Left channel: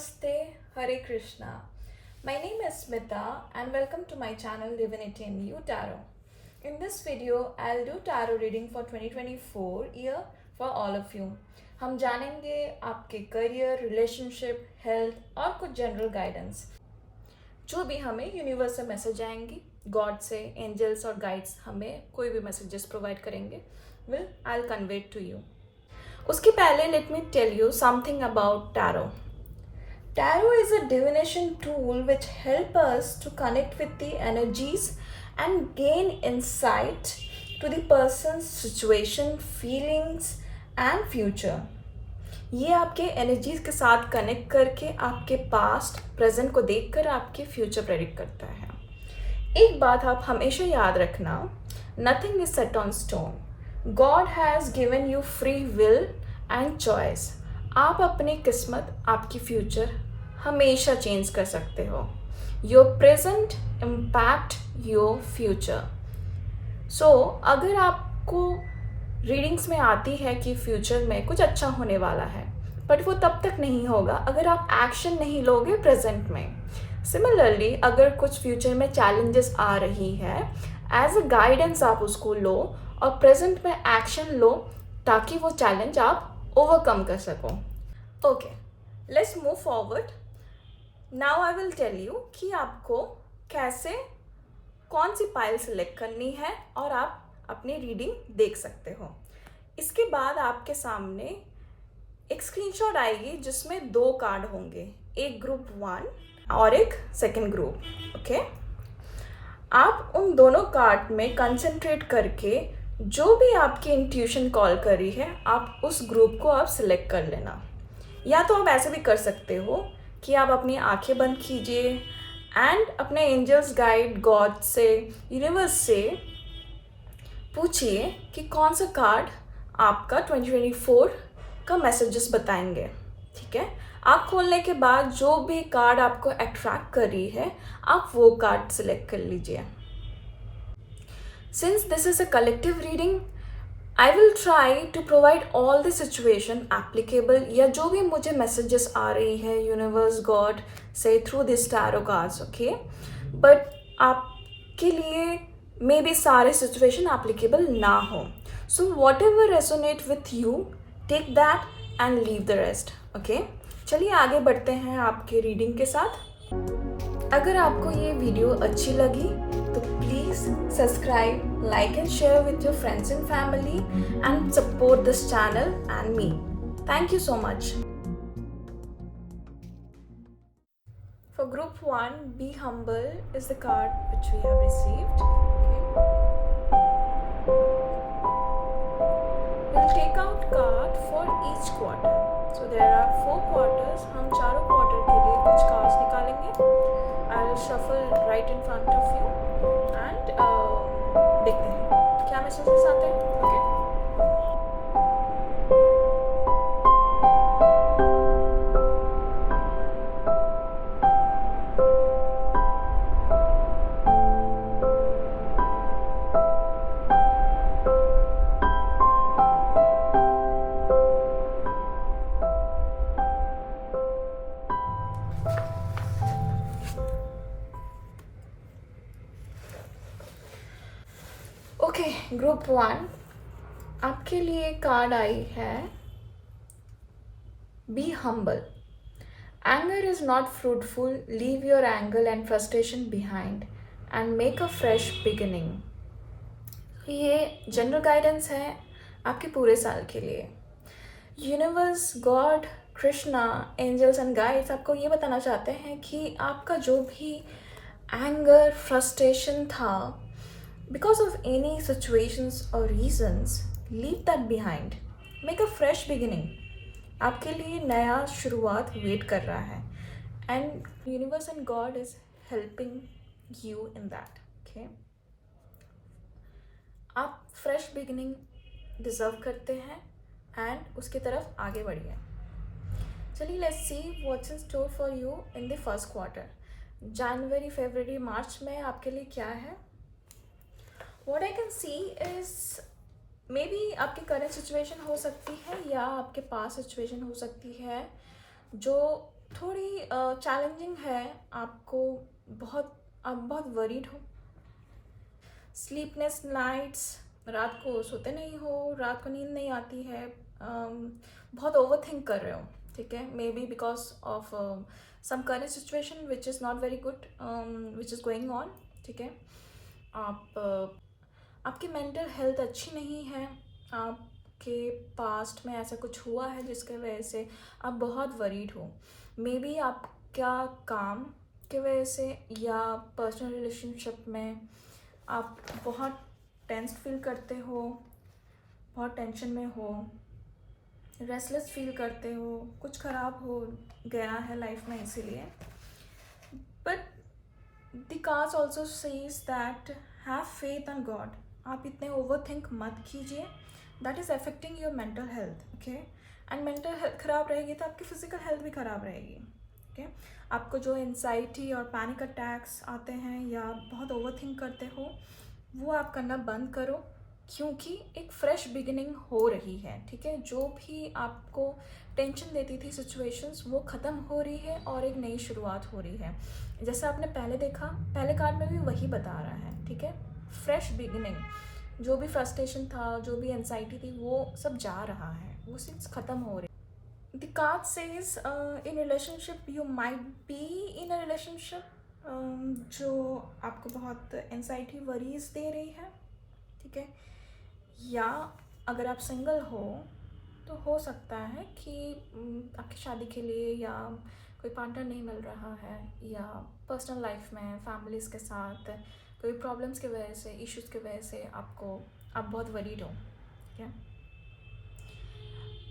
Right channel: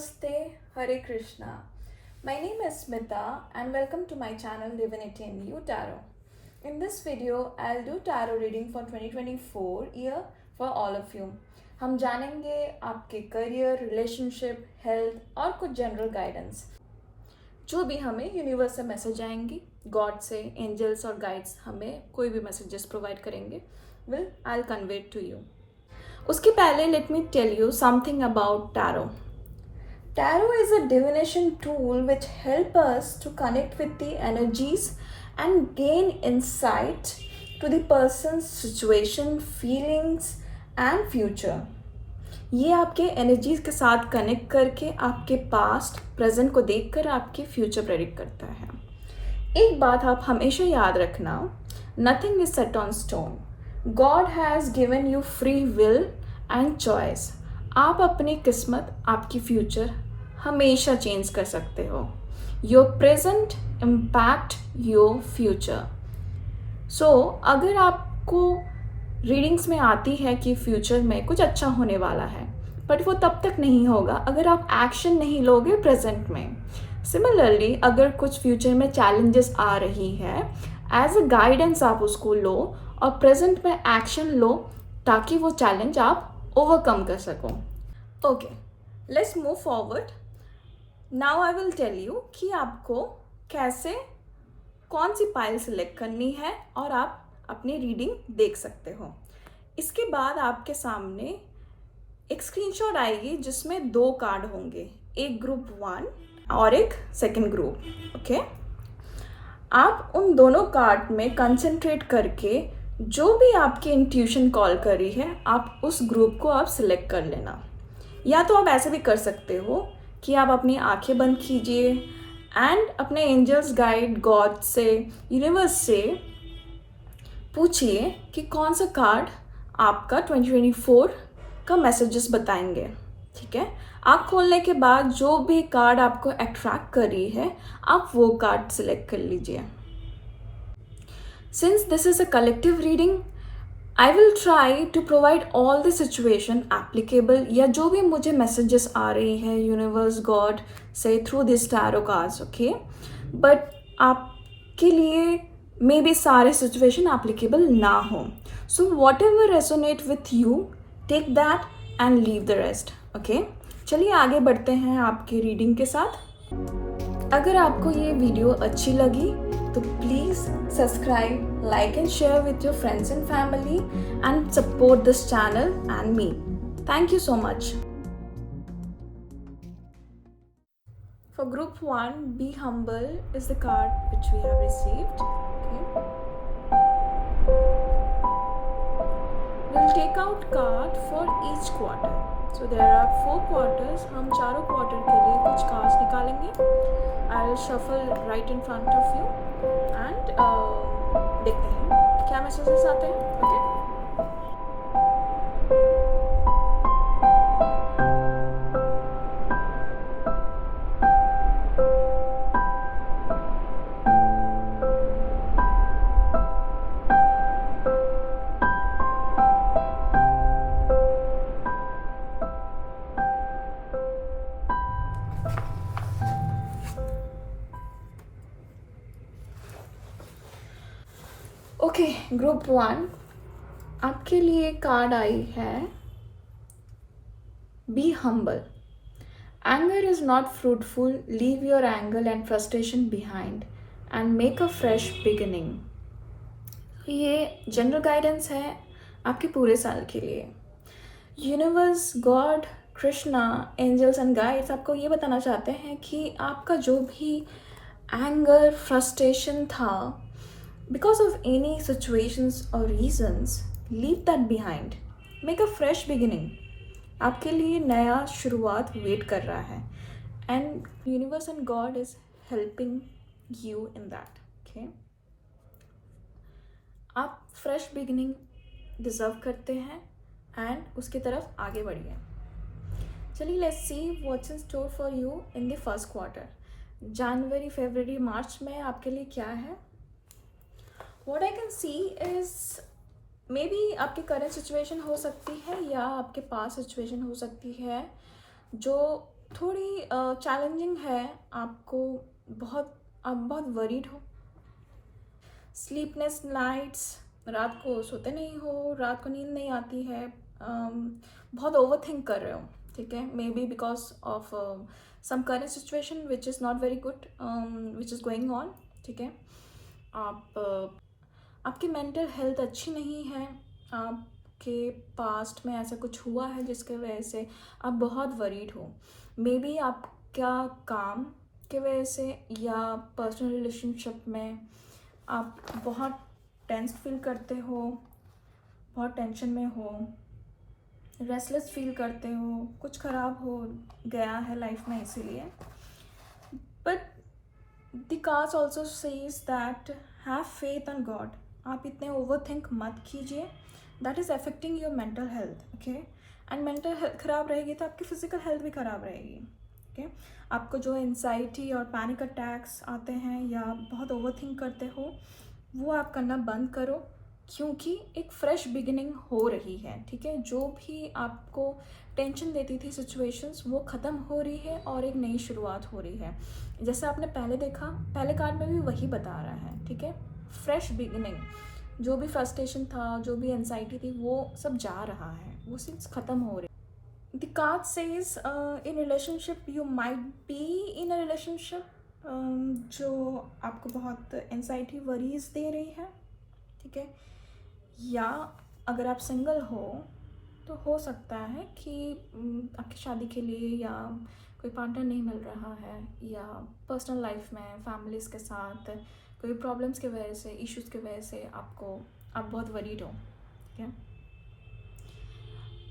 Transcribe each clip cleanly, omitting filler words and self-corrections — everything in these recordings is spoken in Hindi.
Namaste, Hare Krishna. My name is Smita and welcome to my channel Divinity in You Tarot. In this video, I'll do tarot reading for 2024 year for all of you. हम जानेंगे आपके करियर, रिलेशनशिप, हेल्थ और कुछ जनरल गाइडेंस जो भी हमें यूनिवर्स से मैसेज आएंगी, गॉड से, एंजल्स और गाइड्स हमें कोई भी मैसेजेस प्रोवाइड करेंगे, I'll convey it to you. उसके पहले let me tell you something about tarot. Tarot is a divination tool which helps us to connect with the energies and gain insight to the person's situation, feelings and future. ये आपके एनर्जीज के साथ कनेक्ट करके आपके पास्ट प्रेजेंट को देखकर आपके फ्यूचर प्रेडिक्ट करता है. एक बात आप हमेशा याद रखना, nothing is set on stone. God has given you free will and choice. आप अपनी किस्मत, आपकी फ्यूचर हमेशा चेंज कर सकते हो. Your present impact your future. So अगर आपको रीडिंग्स में आती है कि फ्यूचर में कुछ अच्छा होने वाला है, बट वो तब तक नहीं होगा अगर आप एक्शन नहीं लोगे प्रेजेंट में. सिमिलरली अगर कुछ फ्यूचर में चैलेंजेस आ रही है, एज अ गाइडेंस आप उसको लो और प्रेजेंट में एक्शन लो ताकि वो चैलेंज आप ओवरकम कर सको. Okay, let's move forward. Now I will tell you कि आपको कैसे कौन सी पाइल सिलेक्ट करनी है और आप अपनी रीडिंग देख सकते हो. इसके बाद आपके सामने एक स्क्रीनशॉट आएगी जिसमें 2 कार्ड होंगे, एक ग्रुप 1 और एक सेकंड ग्रुप. ओके, आप उन दोनों कार्ड में कंसंट्रेट करके जो भी आपकी इंट्यूशन कॉल करी है, आप उस ग्रुप को आप सिलेक्ट कर लेना. या तो आप ऐसे भी कर सकते हो कि आप अपनी आंखें बंद कीजिए एंड अपने एंजल्स, गाइड, गॉड से, यूनिवर्स से पूछिए कि कौन सा कार्ड आपका 2024 का मैसेजेस बताएंगे. ठीक है, आँख खोलने के बाद जो भी कार्ड आपको अट्रैक्ट कर रही है, आप वो कार्ड सिलेक्ट कर लीजिए. Since this is a collective reading, I will try to provide all the situation applicable, या जो भी मुझे मैसेजेस आ रही है यूनिवर्स, गॉड से through this tarot cards. Okay, but आपके लिए मे बी सारे सिचुएशन एप्लीकेबल ना हो. So whatever resonate with you, take that and leave the rest. Okay, चलिए आगे बढ़ते हैं आपके रीडिंग के साथ. अगर आपको ये वीडियो अच्छी लगी तो please subscribe, like and share with your friends and family and support this channel and me. Thank you so much. For group 1, Be Humble is the card which we have received. Okay. We'll take out card for each quarter. So there are 4 quarters. हम चारों quarter के लिए कुछ cards निकालेंगे. I will shuffle right in front of you and देखते हैं क्या messages आते हैं. Okay. ओके, ग्रुप 1 आपके लिए कार्ड आई है be humble. Anger is not fruitful, leave your anger and frustration behind and make a fresh beginning. ये जनरल गाइडेंस है आपके पूरे साल के लिए. Universe, god, Krishna, angels and guides आपको ये बताना चाहते हैं कि आपका जो भी एंगर, फ्रस्ट्रेशन था, because of any situations or reasons, leave that behind. Make a fresh beginning. आपके लिए नया शुरुआत वेट कर रहा है. And universe and God is helping you in that. Okay? आप fresh beginning deserve करते हैं and उसकी तरफ आगे बढ़िए. चलिए let's see what's in store for you in the first quarter. January, February, March में आपके लिए क्या है? What I can see is maybe आपकी करंट सिचुएशन हो सकती है या आपके पास सिचुएशन हो सकती है जो थोड़ी चैलेंजिंग है। आपको आप बहुत वरीड हो, स्लीपलेस नाइट्स, रात को सोते नहीं हो, रात को नींद नहीं आती है, बहुत ओवर थिंक कर रहे हो, ठीक है। Maybe because of some current situation which is not very good, which is going on, ठीक है। आपकी मेंटल हेल्थ अच्छी नहीं है, आपके पास्ट में ऐसा कुछ हुआ है जिसके वजह से आप बहुत वरीड हो। मे बी आपका काम के वजह से या पर्सनल रिलेशनशिप में आप बहुत टेंस फील करते हो, बहुत टेंशन में हो, रेस्टलेस फील करते हो, कुछ ख़राब हो गया है लाइफ में इसीलिए। But the cards also says that have faith in God. आप इतने ओवर थिंक मत कीजिए, that is affecting your mental health, okay. And mental health ख़राब रहेगी तो आपकी फिजिकल हेल्थ भी ख़राब रहेगी, ओके। आपको जो एंजाइटी और पैनिक अटैक्स आते हैं या बहुत ओवर थिंक करते हो, वो आप करना बंद करो, क्योंकि एक फ्रेश बिगिनिंग हो रही है, ठीक है। जो भी आपको टेंशन देती थी सिचुएशंस, वो ख़त्म हो रही है और एक नई शुरुआत हो रही है। जैसे आपने पहले देखा, पहले कार्ड में भी वही बता रहा है, ठीक है। फ्रेश बिगिनिंग, जो भी फ्रस्ट्रेशन था, जो भी एंजाइटी थी, वो सब जा रहा है, वो सब ख़त्म हो रही है। The card says in relationship you might be in a relationship जो आपको बहुत एंजाइटी वरीज दे रही है, ठीक है। या अगर आप सिंगल हो तो हो सकता है कि आपकी शादी के लिए या कोई पार्टनर नहीं मिल रहा है, या पर्सनल लाइफ में फैमिलीज़ के साथ कोई प्रॉब्लम्स की वजह से, इश्यूज़ की वजह से आप बहुत वरीड हो, ठीक है।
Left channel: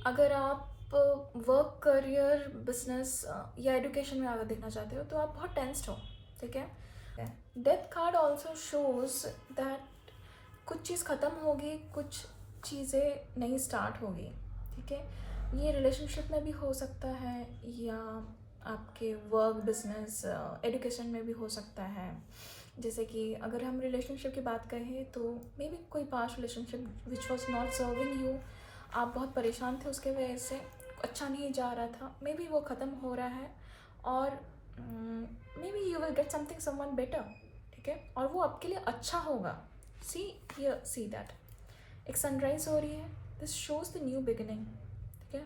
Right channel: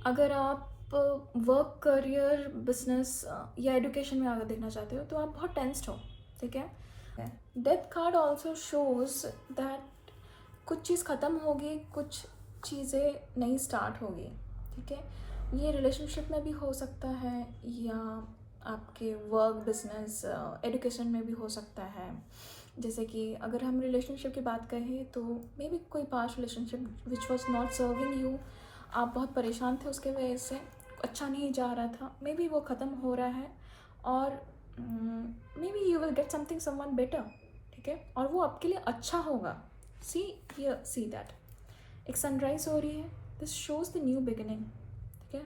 अगर आप वर्क, करियर, बिजनेस या एजुकेशन में आगे देखना चाहते हो तो आप बहुत टेंस्ड हो, ठीक है। Death card also shows that कुछ चीज़ ख़त्म होगी, कुछ चीज़ें नई स्टार्ट होगी, ठीक है। ये रिलेशनशिप में भी हो सकता है या आपके वर्क, बिजनेस, एजुकेशन में भी हो सकता है। जैसे कि अगर हम रिलेशनशिप की बात करें तो मे बी कोई past relationship which was not serving you, आप बहुत परेशान थे उसके वजह से, अच्छा नहीं जा रहा था, मे बी वो ख़त्म हो रहा है और may be you will get something someone better, ठीक है। और वो आपके लिए अच्छा होगा। सी हियर, सी दैट एक सनराइज हो रही है, this shows the new beginning, ठीक है।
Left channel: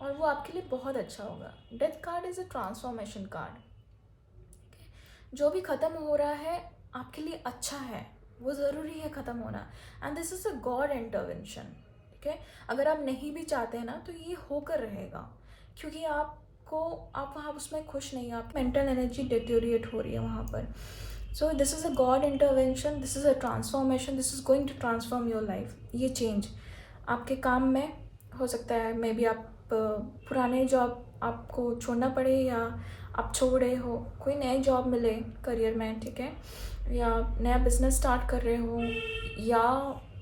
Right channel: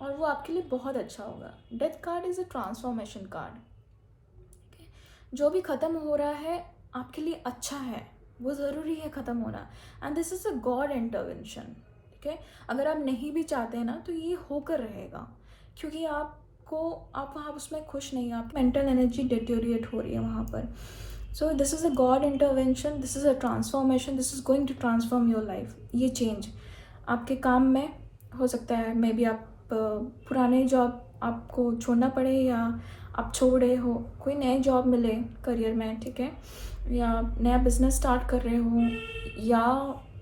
और वो आपके लिए बहुत अच्छा होगा। Death card is a transformation card, जो भी ख़त्म हो रहा है आपके लिए अच्छा है, वो ज़रूरी है ख़त्म होना, and this is a god intervention, ठीक है। अगर आप नहीं भी चाहते हैं ना तो ये होकर रहेगा, क्योंकि आप वहाँ उसमें खुश नहीं हैं, आपकी मेंटल एनर्जी डिटेरिएट हो रही है वहाँ पर। So this is a god intervention, this is a transformation, this is going to transform your life. ये चेंज आपके काम में हो सकता है, मे बी आप पुराने जॉब आपको छोड़ना पड़े या आप छोड़ रहे हो, कोई नए जॉब मिले करियर में, ठीक है। या नया बिजनेस स्टार्ट कर रहे हो, या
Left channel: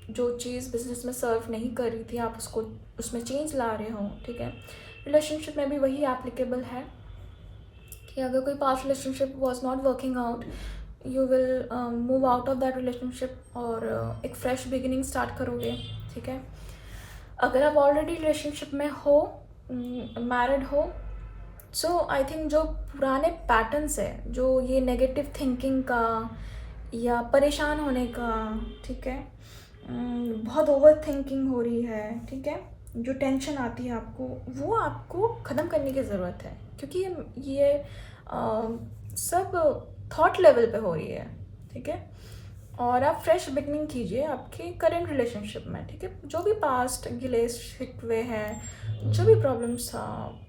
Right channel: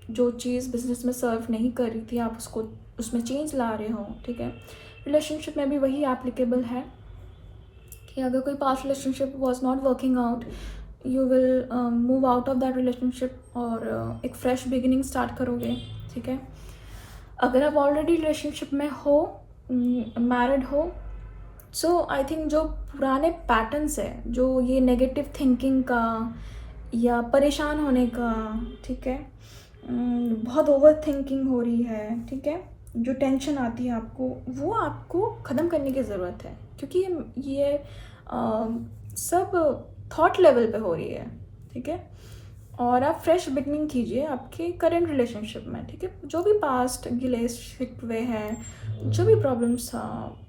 जो चीज़ बिजनेस में सर्व नहीं कर रही थी आप उसको उसमें चेंज ला रहे हो, ठीक है। रिलेशनशिप में भी वही एप्लीकेबल है कि अगर कोई past relationship was not working out, you will move out of that relationship और एक फ्रेश बिगिनिंग स्टार्ट करोगे, ठीक है। अगर आप ऑलरेडी रिलेशनशिप में हो, मैरिड हो, सो आई थिंक जो पुराने पैटर्न्स है, जो ये नेगेटिव थिंकिंग का या परेशान होने का, ठीक है, बहुत ओवर थिंकिंग हो रही है, ठीक है, जो टेंशन आती है आपको, वो आपको ख़त्म करने की ज़रूरत है, क्योंकि ये सब थॉट लेवल पे हो रही है, ठीक है। और आप फ्रेश बिगनिंग कीजिए आपके करेंट रिलेशनशिप में, ठीक है। जो भी पास्ट गिले शिकवे हैं, जो भी प्रॉब्लम्स था,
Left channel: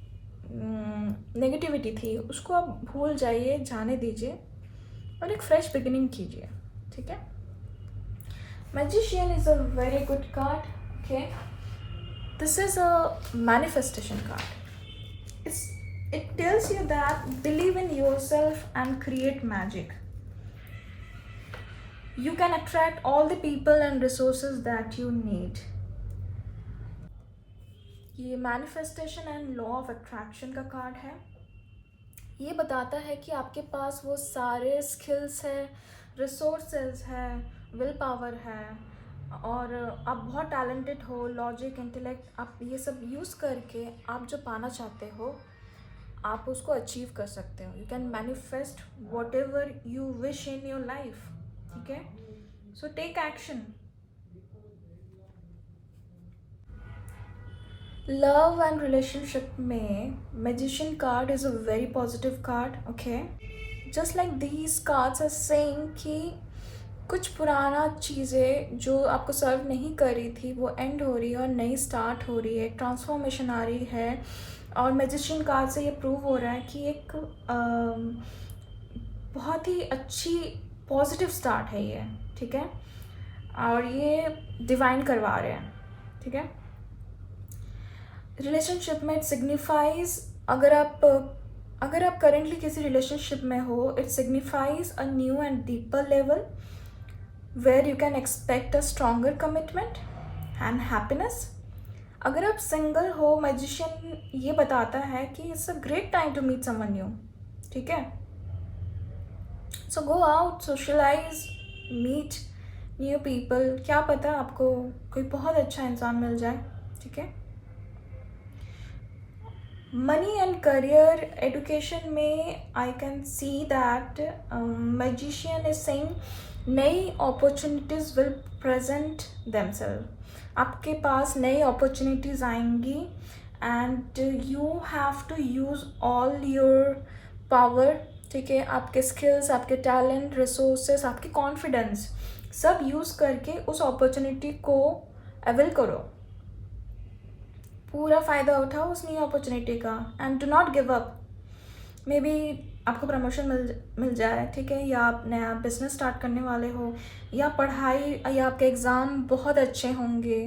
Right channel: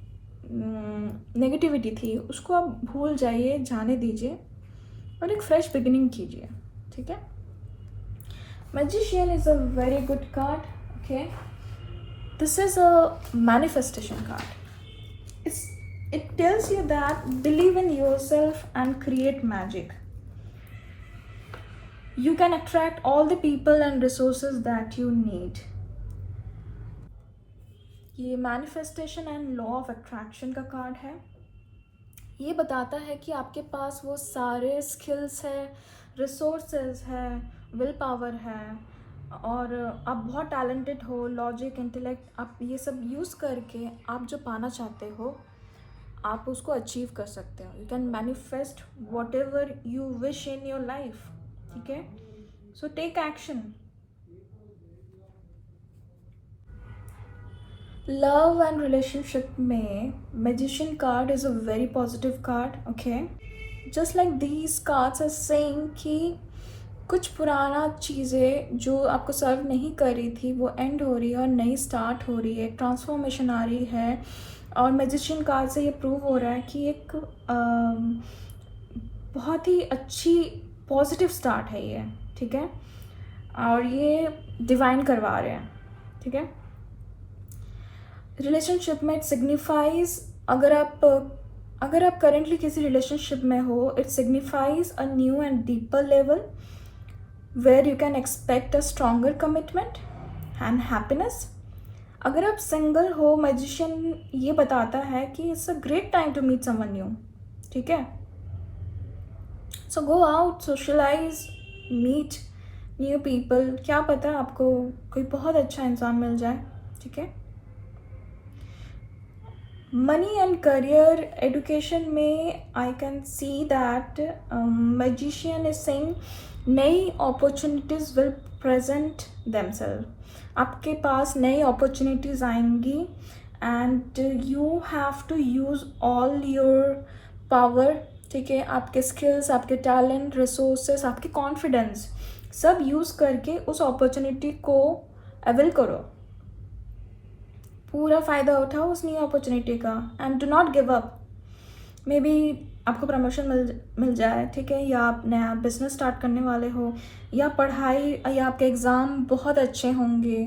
नेगेटिविटी थी, उसको आप भूल जाइए, जाने दीजिए और एक फ्रेश बिगिनिंग कीजिए, ठीक है। Magician is a very good card, okay. This is a manifestation card. It tells you that believe in yourself and create magic. You can attract all the people and resources that you need. ये manifestation and law of attraction का कार्ड है। ये बताता है कि आपके पास वो सारे स्किल्स है, रिसोर्सेज है, विल पावर है, और आप बहुत टैलेंटेड हो, लॉजिक, इंटेलेक्ट, आप ये सब यूज़ करके आप जो पाना चाहते हो आप उसको अचीव कर सकते हो. You can manifest whatever you wish in your life. ठीक है, so take action. Love and relationship में magician card is a very positive card. Okay, just like these cards are saying कि कुछ पुराना चीज़ें जो आपको सर्व नहीं कर रही थी वो एंड हो रही है और नई स्टार्ट हो रही है, ट्रांसफॉर्मेशन आ रही है. और मैजिशियन कार्ड से ये प्रूव हो रहा है कि एक बहुत ही अच्छी पॉजिटिव स्टार्ट है ये. ठीक है, और ये डिवाइन करवा रहे हैं. ठीक है, रिलेशनशिप में इट सिग्निफाइज, अगर आप करेंटली किसी रिलेशनशिप में हो, it signifies a new and deeper level where you can expect a stronger commitment and happiness. अगर आप सिंगल हो, मैजिशियन ये बताता है कि it's a great time to meet someone new. ठीक है, so go out, socialize, meet new people. क्या पता आपको कोई बहुत अच्छा इंसान मिल जाए. ठीक है, मनी एंड करियर एजुकेशन में I can see that magician is saying नई अपॉर्चुनिटीज़ विल प्रेजेंट देमसेल्फ. आपके पास नई अपॉर्चुनिटीज़ आएंगी and you have to use all your power. ठीक है, आपके स्किल्स, आपके टैलेंट, रिसोर्सेस, आपके कॉन्फिडेंस सब यूज़ करके उस अपॉर्चुनिटी को अवेल करो. पूरा फ़ायदा उठाओ उस नई अपॉर्चुनिटी का and do not give up. May be आपको प्रमोशन मिल जाए. ठीक है, या आप नया बिजनेस स्टार्ट करने वाले हो, या पढ़ाई या आपके एग्ज़ाम बहुत अच्छे होंगे.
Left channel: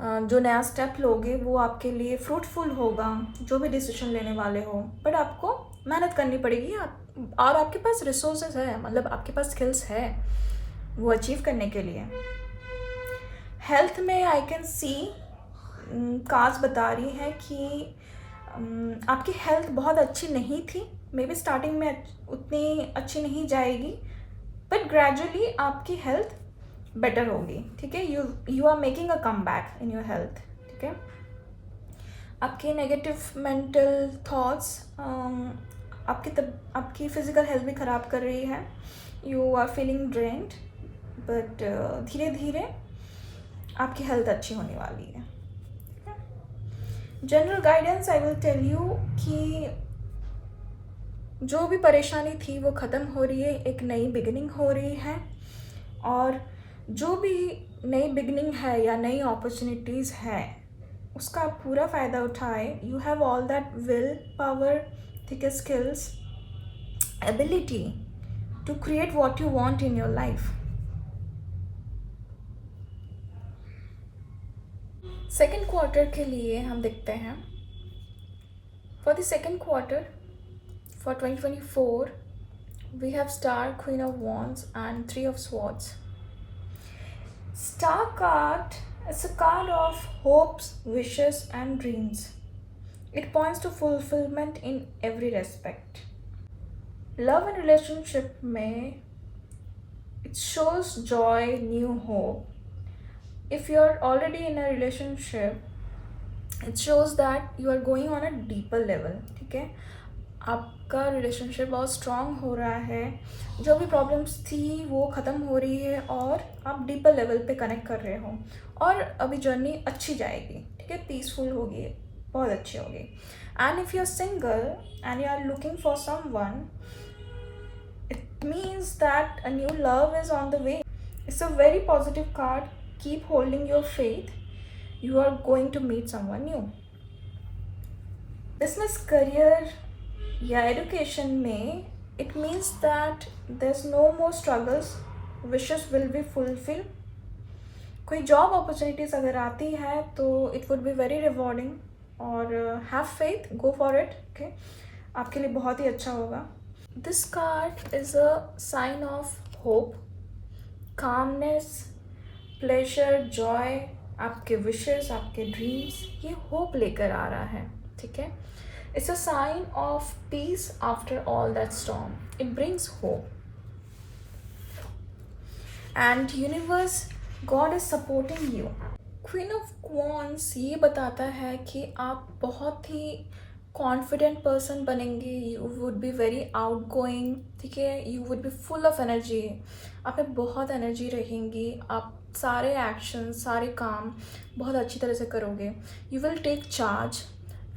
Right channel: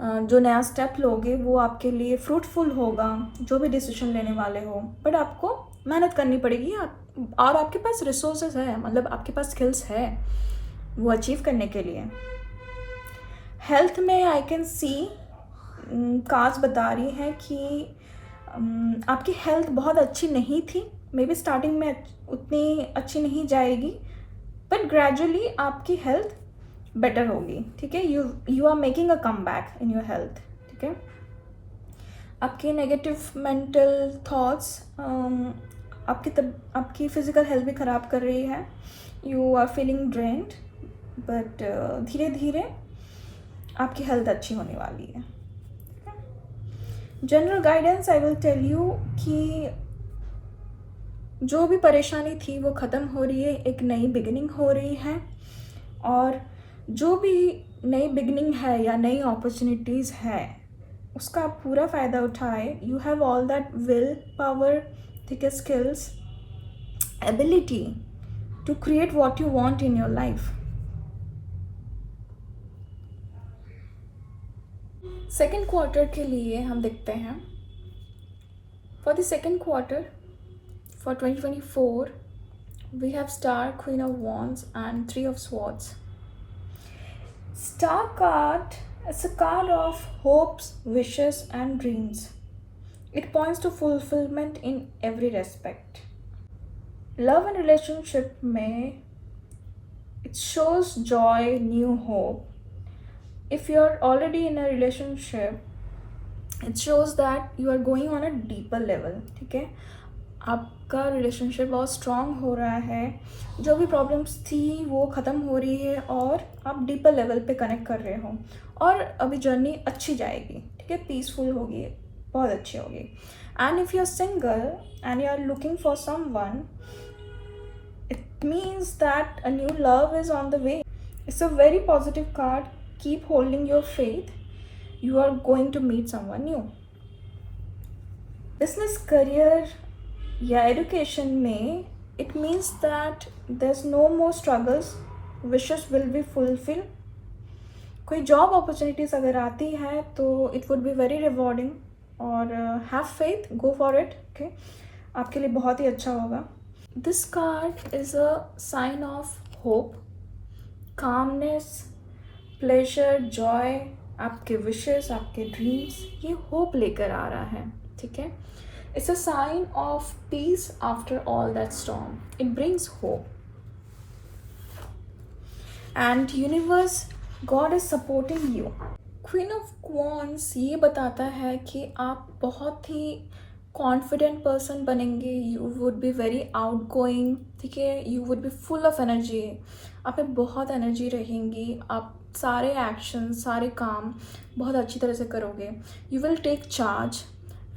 जो नया स्टेप लोगे वो आपके लिए फ्रूटफुल होगा, जो भी डिसीजन लेने वाले हो. बट आपको मेहनत करनी पड़ेगी. और आपके पास रिसोर्सेज है, मतलब आपके पास स्किल्स है वो अचीव करने के लिए. हेल्थ में आई कैन सी कार्ड्स बता रही हैं कि आपकी हेल्थ बहुत अच्छी नहीं थी. मे बी स्टार्टिंग में उतनी अच्छी नहीं जाएगी, बट ग्रेजुअली आपकी हेल्थ बेटर होगी. ठीक है, you are making a comeback in your health. ठीक है, आपकी नेगेटिव मेंटल थॉट्स आपकी फिज़िकल हेल्थ भी ख़राब कर रही है. You are feeling drained, but धीरे धीरे आपकी हेल्थ अच्छी होने वाली है. General guidance I will tell you कि जो भी परेशानी थी वो ख़त्म हो रही है, एक नई बिगिनिंग हो रही है. और जो भी नई बिगिनिंग है या नई अपॉर्चुनिटीज़ है उसका आप पूरा फ़ायदा उठाए. You have all that willpower, ठीक है, skills, ability to create what you want in your life. Second quarter के लिए हम देखते हैं. For the second quarter for 2024, we have Star, Queen of Wands and Three of Swords. Star card is a card of hopes, wishes and dreams. It points to fulfillment in every respect. Love and relationship में it shows joy, new hope. If you are already in a relationship, it shows that you are going on a deeper level. ठीक है, आपका रिलेशनशिप बहुत स्ट्रॉन्ग हो रहा है. जो भी प्रॉब्लम्स थी वो ख़त्म हो रही है और आप डीपर लेवल पे कनेक्ट कर रहे हो और अभी जर्नी अच्छी जाएगी. ठीक है, पीसफुल होगी, बहुत अच्छी होगी. And if you are single and you are looking for someone, it means that a new love is on the way. It's a very positive card. Keep holding your faith. You are going to meet someone new. Business, career या एजुकेशन में it means that there is no more struggles, wishes will be fulfil. कोई जॉब अपॉर्चुनिटीज़ अगर आती है तो it would be very rewarding और have faith, go for it. Okay, आपके लिए बहुत ही अच्छा होगा. This card is a sign of hope, calmness, pleasure, joy. आपके विशेस, आपके ड्रीम्स, ये होप लेकर आ रहा है. ठीक है, it's a sign of peace after all that storm. It brings hope. And universe, God is supporting you. Queen of Wands ये बताता है कि आप बहुत ही कॉन्फिडेंट पर्सन बनेंगे, you would be very out going, ठीक है, you would B full of energy, आप में बहुत एनर्जी रहेंगी, आप सारे एक्शन सारे काम बहुत अच्छी तरह से करोगे, you will take charge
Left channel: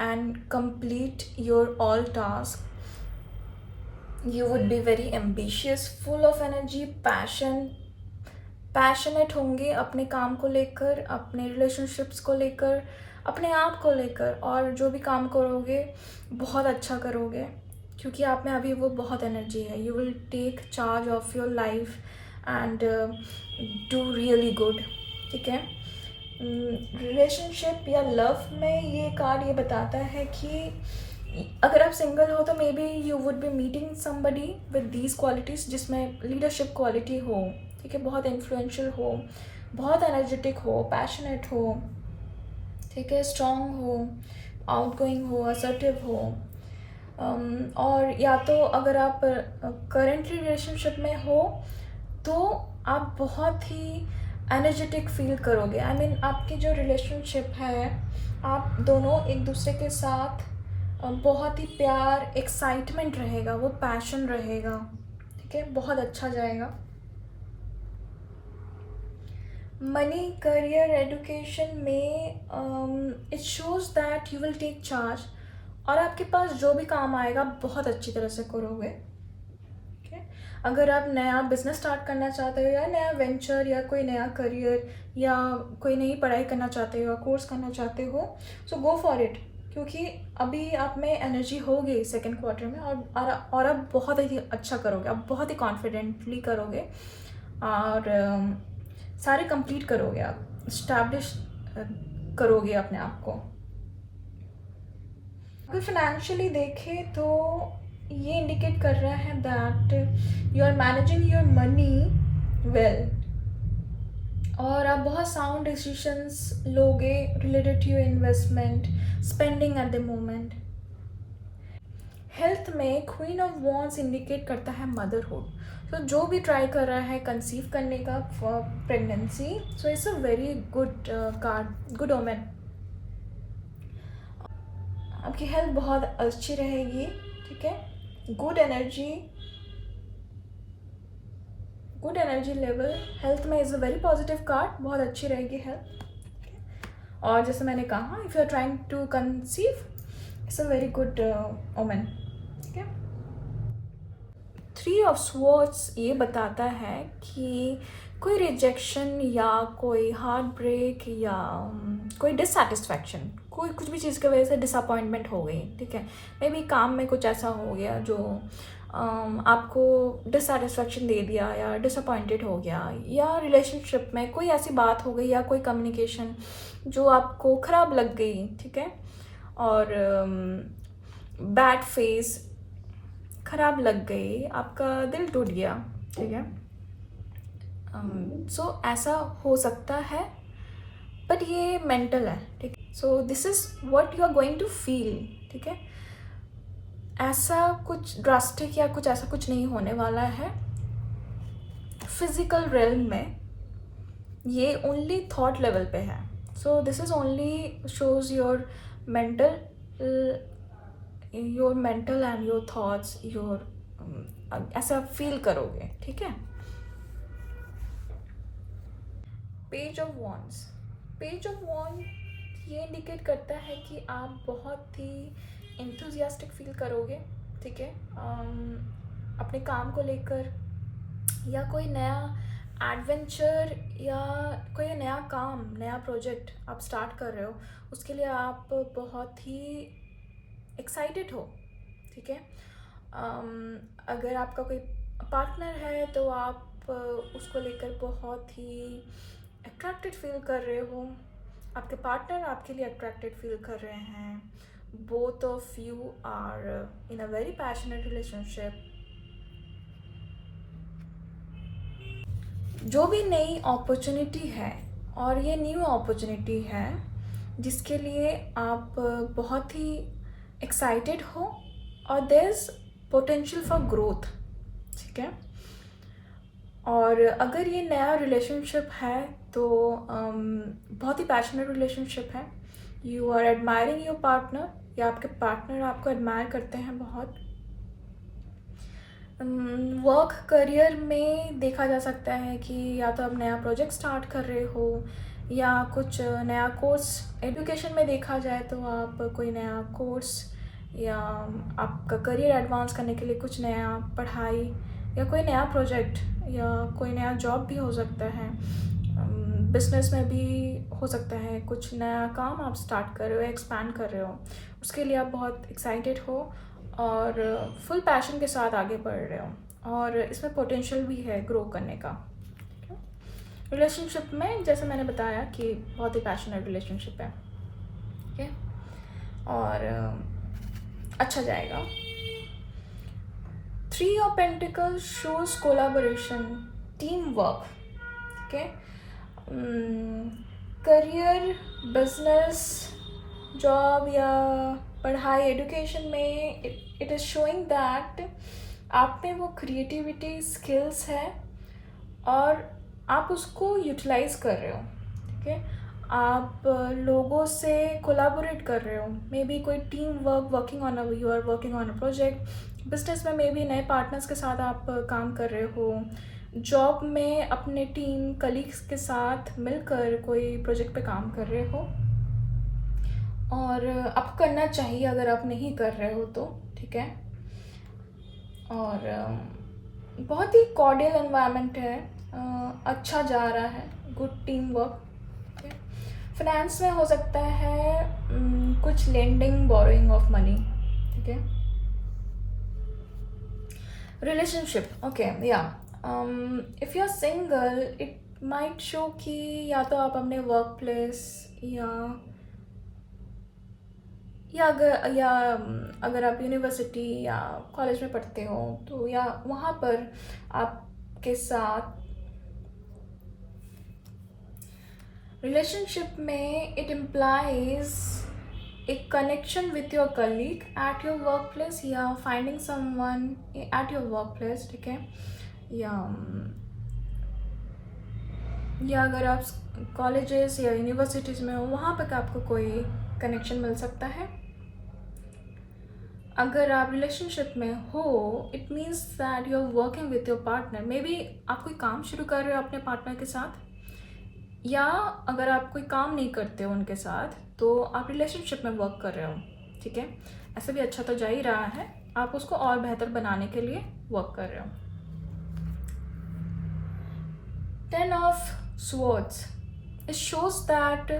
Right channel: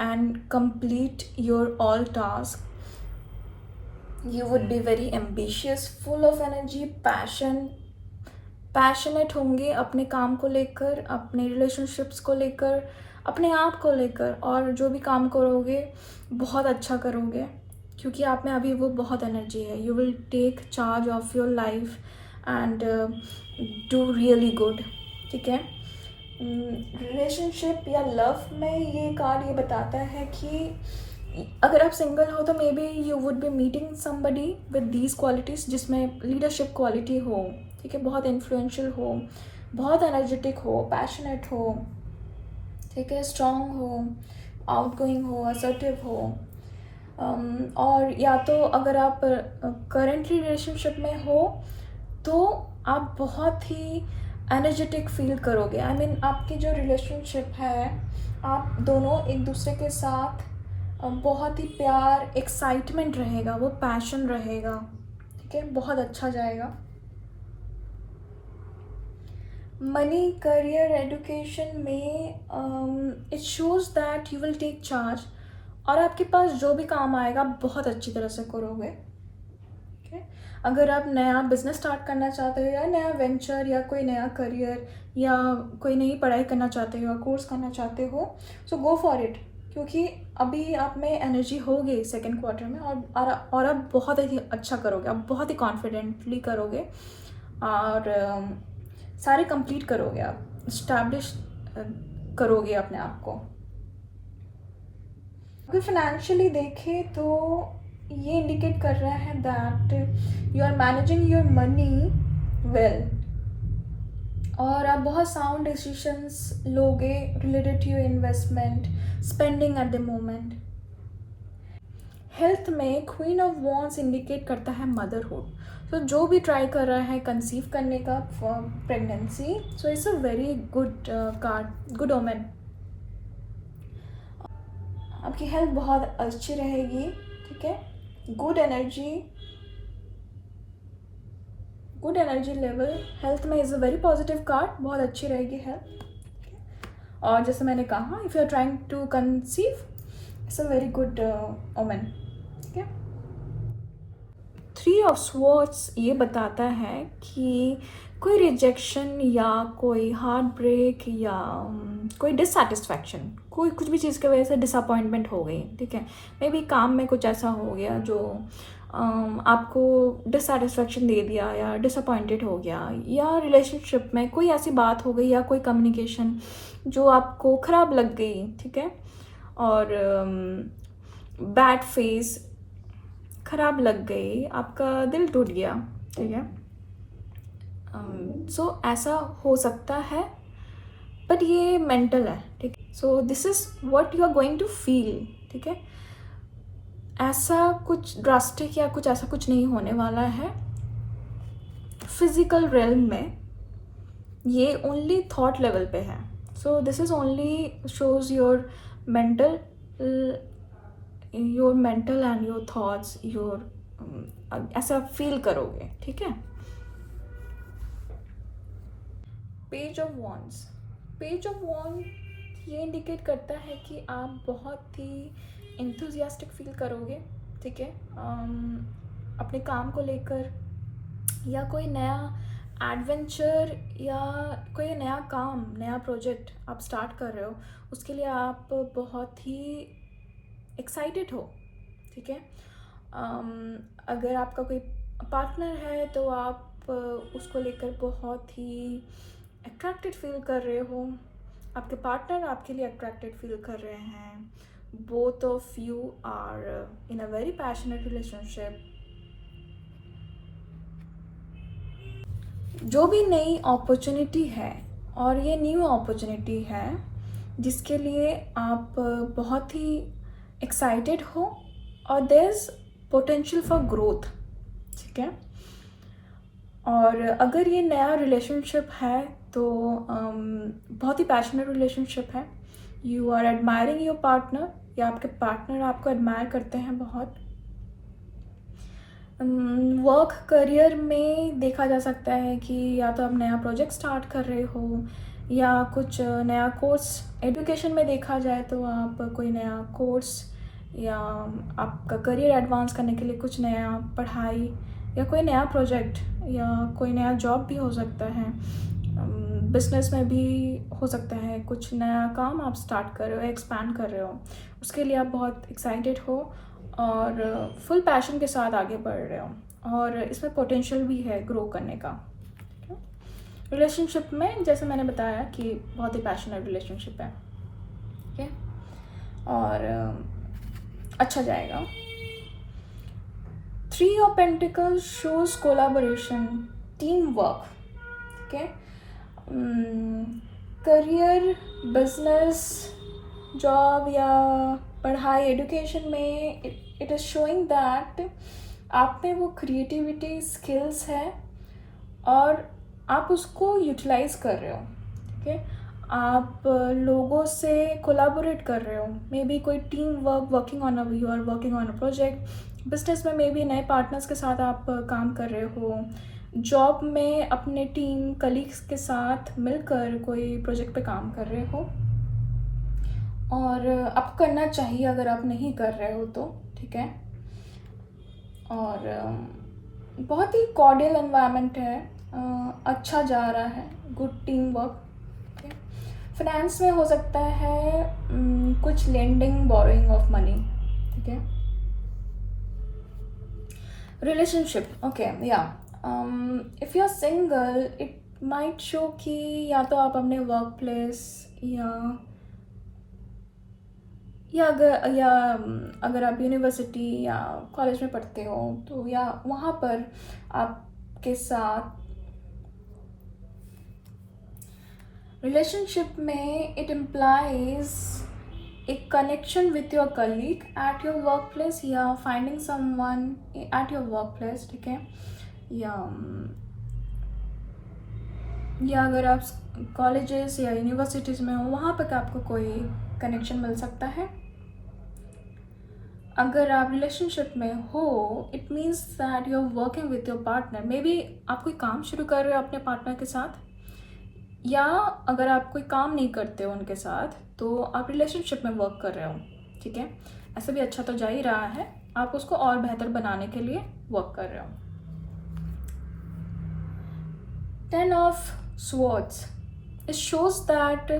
and complete your all task, you would be very ambitious, full of energy, passionate होंगे अपने काम को लेकर, अपने रिलेशनशिप्स को लेकर, अपने आप को लेकर, और जो भी काम करोगे बहुत अच्छा करोगे क्योंकि आप में अभी वो बहुत एनर्जी है, you will take charge of your life and do really good, ठीक है। रिलेशनशिप या लव में ये कार्ड ये बताता है कि अगर आप सिंगल हो तो may be you would B meeting somebody with these qualities, जिसमें लीडरशिप क्वालिटी हो, ठीक है, बहुत इन्फ्लुएंशियल हो, बहुत एनर्जेटिक हो, पैशनेट हो, ठीक है, स्ट्रॉन्ग हो, आउटगोइंग हो, असर्टिव हो। और या तो अगर आप करेंटली रिलेशनशिप में हो तो आप बहुत ही एनर्जेटिक फील करोगे, आई मीन आपकी जो रिलेशनशिप है, आप दोनों एक दूसरे के साथ बहुत ही प्यार, एक्साइटमेंट रहेगा, वो पैशन रहेगा, ठीक है, बहुत अच्छा जाएगा। मनी, करियर, एडुकेशन में it shows that you will take charge, और आपके पास जो भी काम आएगा बहुत अच्छी तरह से करोगे, ठीक है। अगर आप नया बिजनेस स्टार्ट करना चाहते हो या नया वेंचर या कोई नया करियर या कोई नई पढ़ाई करना चाहते हो या कोर्स करना चाहते हो, सो गो फॉर इट, क्योंकि अभी आप में एनर्जी होगी सेकेंड क्वार्टर में, और आप बहुत ही अच्छा करोगे, आप बहुत ही कॉन्फिडेंटली करोगे, और सारे कंप्लीट करोगे, आप इस्टेब्लिश करोगे अपने आप को। अगर फाइनेंशियली देखें तो ये इंडिकेट कर रहा है that you are managing your money well, और आप बहुत साउंड डिसीजंस लोगे related to your investment, spending at the moment. Health में क्वीन ऑफ वॉन्ड्स इंडिकेट करता है मदरहुड, तो जो भी ट्राई कर रहा है कंसीव करने का pregnancy, so it's a very good card, good omen. आपकी हेल्थ बहुत अच्छी रहेगी, ठीक है, गुड एनर्जी लेवल हेल्थ में is a very positive card, बहुत अच्छी रहेगी हेल्थ। और जैसे मैंने कहा, if you are trying to conceive, it's a very good omen, ठीक है। थ्री ऑफ स्वॉर्ड्स ये बताता है कि कोई रिजेक्शन या कोई हार्ट ब्रेक या कोई डिससेटिस्फैक्शन, कोई कुछ भी चीज़ की वजह से डिसअपॉइंटमेंट हो गई, ठीक है, मे बी काम में कुछ ऐसा हो गया जो आपको डिससेटिस्फैक्शन दे दिया या डिसअपॉइंटेड हो गया, या रिलेशनशिप में कोई ऐसी बात हो गई या कोई कम्युनिकेशन जो आपको ख़राब लग गई, ठीक है, और बैड फेस, ख़राब लग गई, आपका दिल टूट गया, ठीक है। सो ऐसा हो सकता है, बट ये मेंटल है, ठीक है। So this is what you are going to feel, ठीक है। ऐसा कुछ ड्रास्टिक या कुछ ऐसा कुछ नहीं होने वाला है फिजिकल रेल्म में, ये ओनली थॉट लेवल पे है। So this is only shows your mental and your thoughts, your ऐसा फील करोगे, ठीक है। पेज ऑफ वॉन्ड्स, ये इंडिकेट करता है कि आप बहुत ही इंथुजियास्टिक फील करोगे, ठीक है, अपने काम को लेकर, या कोई नया एडवेंचर या कोई नया काम, नया प्रोजेक्ट आप स्टार्ट कर रहे हो, उसके लिए आप बहुत ही एक्साइटेड हो, ठीक है। अगर आपका कोई पार्टनर है तो आप उसको लेकर बहुत ही अट्रैक्टेड फील कर रहे हो, आपके पार्टनर आपके लिए अट्रैक्टेड फील कर रहे हैं, both of you are in a very passionate relationship. जो भी नई अपॉर्चुनिटी है, और ये न्यू अपॉर्चुनिटी है जिसके लिए आप बहुत ही एक्साइटेड हो, और there is potential for growth, ठीक है। और अगर ये नया रिलेशनशिप है तो बहुत ही पैशनेट रिलेशनशिप है, you are admiring your partner, या आपके पार्टनर आपको एडमायर करते हैं बहुत। वर्क करियर में देखा जा सकता है कि या तो आप नया प्रोजेक्ट स्टार्ट कर रहे हो या कुछ नया कोर्स। एजुकेशन में देखा जाए तो आप कोई नया कोर्स या आपका करियर एडवांस करने के लिए कुछ नया पढ़ाई या कोई नया प्रोजेक्ट या कोई नया जॉब भी हो सकता है। बिजनेस में भी हो सकता है, कुछ नया काम आप स्टार्ट कर रहे हो, एक्सपैंड कर रहे हो, उसके लिए आप बहुत एक्साइटेड हो और फुल पैशन के साथ आगे बढ़ रहे हो और इसमें पोटेंशियल भी है ग्रो करने का। रिलेशनशिप में जैसे मैंने बताया कि बहुत ही पैशनेट रिलेशनशिप है, ठीक है, और अच्छा जाएगा। 3 of pentacles shows collaboration, team work, ठीक है। करियर, बिजनेस, जॉब या पढ़ाई, एजुकेशन में इट इज़ शोइंग दैट आप में वो क्रिएटिविटी स्किल्स है और आप उसको यूटिलाइज कर रहे हो, ठीक है। आप लोगों से कोलैबोरेट कर रहे हो, मे बी कोई team work, working on you are working on a project. Business में मे बी नए पार्टनर्स के साथ आप काम कर रहे हो। जॉब में अपने टीम कलीग्स के साथ मिलकर कोई प्रोजेक्ट पे काम कर रहे हो और आपको करना चाहिए अगर आप नहीं कर रहे हो तो, ठीक है। और बहुत ही कॉर्डियल एनवायरनमेंट है, अच्छा जा रहा है, गुड टीम वर्क। फाइनेंस में हो सकता है कुछ लेंडिंग, बोरोइंग ऑफ मनी, ठीक है। रिलेशनशिप, ओके, या if you are single it might show कि या तो आप अपने वर्क प्लेस या अगर आप यूनिवर्सिटी या कॉलेज में पढ़ते हो तो या वहाँ पर आपके साथ रिलेशनशिप में it implies a connection with your colleague at your workplace या finding someone at your workplace, ठीक है। या अगर आप कॉलेजेस या यूनिवर्सिटीज़ में हो वहाँ पर आपको कोई कनेक्शन मिल सकता है। अगर आप रिलेशनशिप में हो it means that you are working with your partner, maybe आप कोई काम शुरू कर रहे हो अपने पार्टनर के साथ, या अगर आप कोई काम नहीं करते हो उनके साथ तो आप रिलेशनशिप में वर्क कर रहे हो, ठीक है। ऐसे भी अच्छा तो जा ही रहा है, आप उसको और बेहतर बनाने के लिए वर्क कर रहे हो। 10 of swords, it shows that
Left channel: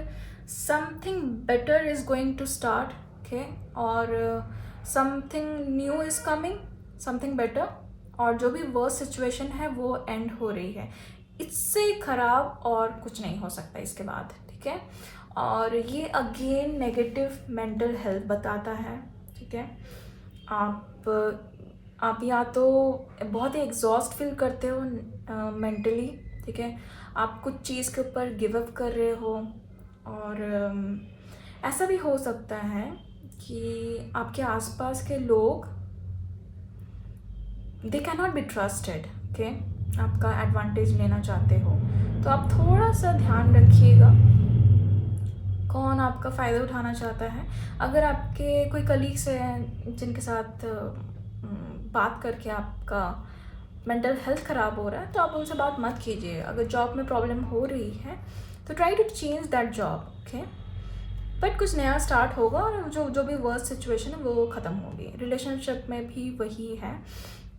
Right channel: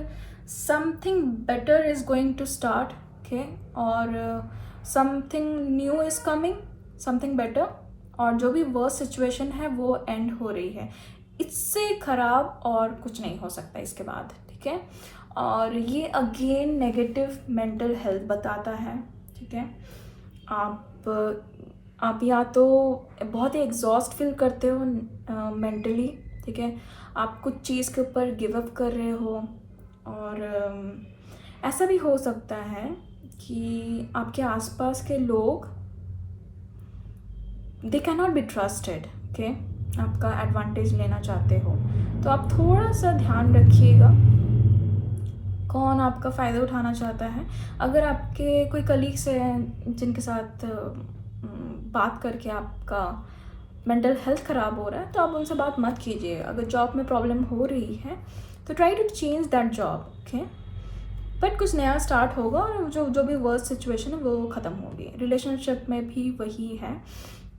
something better is going to start, okay, और something new is coming, something better, और जो भी वर्स्ट सिचुएशन है वो एंड हो रही है, इससे खराब और कुछ नहीं हो सकता इसके बाद, ठीक है। और ये अगेन नेगेटिव मेंटल हेल्थ बताता है, ठीक है। आप या तो बहुत ही एग्जॉस्ट फील करते हो मेंटली, ठीक है, आप कुछ चीज़ के ऊपर गिव अप कर रहे हो, और ऐसा भी हो सकता है कि आपके आसपास के लोग they can not be trusted, okay, आपका एडवांटेज लेना चाहते हो, तो आप थोड़ा सा ध्यान रखिएगा कौन आपका फ़ायदा उठाना चाहता है। अगर आपके कोई कलीग्स हैं जिनके साथ बात करके आपका मेंटल हेल्थ ख़राब हो रहा है तो आप उनसे बात मत कीजिए। अगर जॉब में प्रॉब्लम हो रही है तो try to change that job, okay, but कुछ नया स्टार्ट होगा और जो भी वर्स्ट सिचुएशन है वो ख़त्म होगी। रिलेशनशिप में भी वही है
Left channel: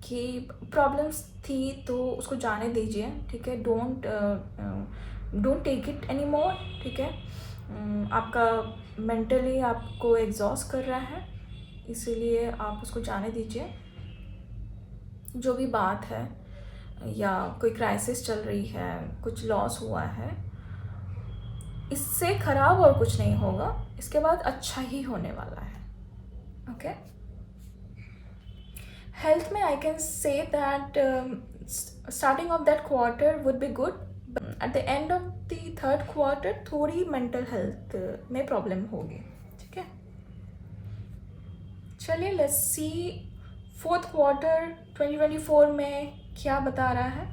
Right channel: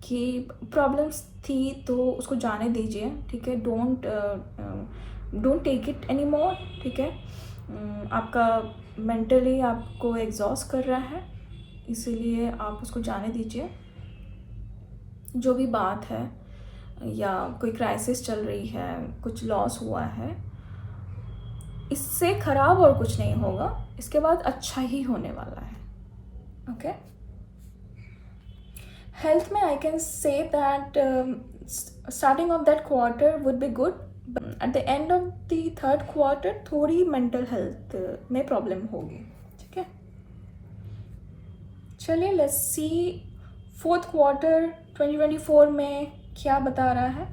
कि प्रॉब्लम्स थी तो उसको जाने दीजिए, ठीक है, don't take it any more, ठीक है। आपका मेंटली आपको एग्जॉस्ट कर रहा है, इसीलिए आप उसको जाने दीजिए। जो भी बात है या कोई क्राइसिस चल रही है, कुछ लॉस हुआ है, इससे ख़राब और कुछ नहीं होगा, इसके बाद अच्छा ही होने वाला है, ओके। हेल्थ में I can say that starting of that quarter would be good, at the end of the third quarter थोड़ी मेंटल हेल्थ में प्रॉब्लम होगी, ठीक है। चलिए लेट्स सी फोर्थ क्वार्टर 2024 में क्या बता रहा है।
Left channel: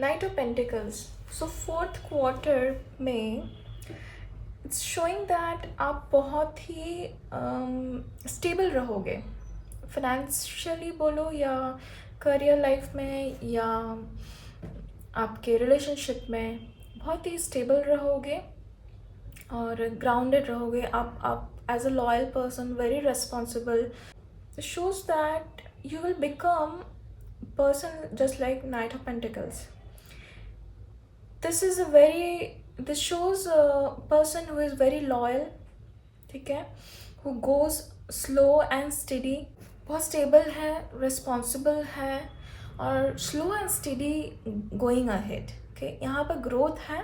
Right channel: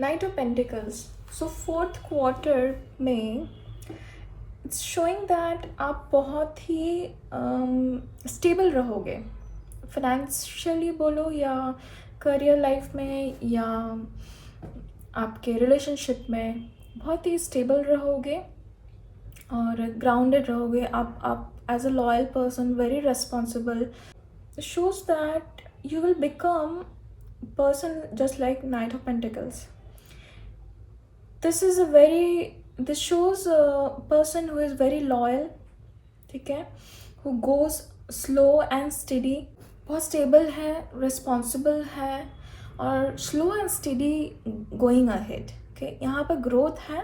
Night of pentacles, so fourth quarter में इट्स शोइंग दैट आप बहुत ही स्टेबल रहोगे, फाइनेंशियली बोलो या करियर लाइफ में या आपके रिलेशनशिप में बहुत ही स्टेबल रहोगे और ग्राउंडेड रहोगे. आप as a loyal person, very responsible, shows that you will become person just like Knight of Pentacles. This shows a person who is very loyal, ठीक है, who goes slow and steady, बहुत स्टेबल है, रिस्पॉन्सिबल है और slow and steady going ahead. Okay, यहाँ पर ग्रोथ है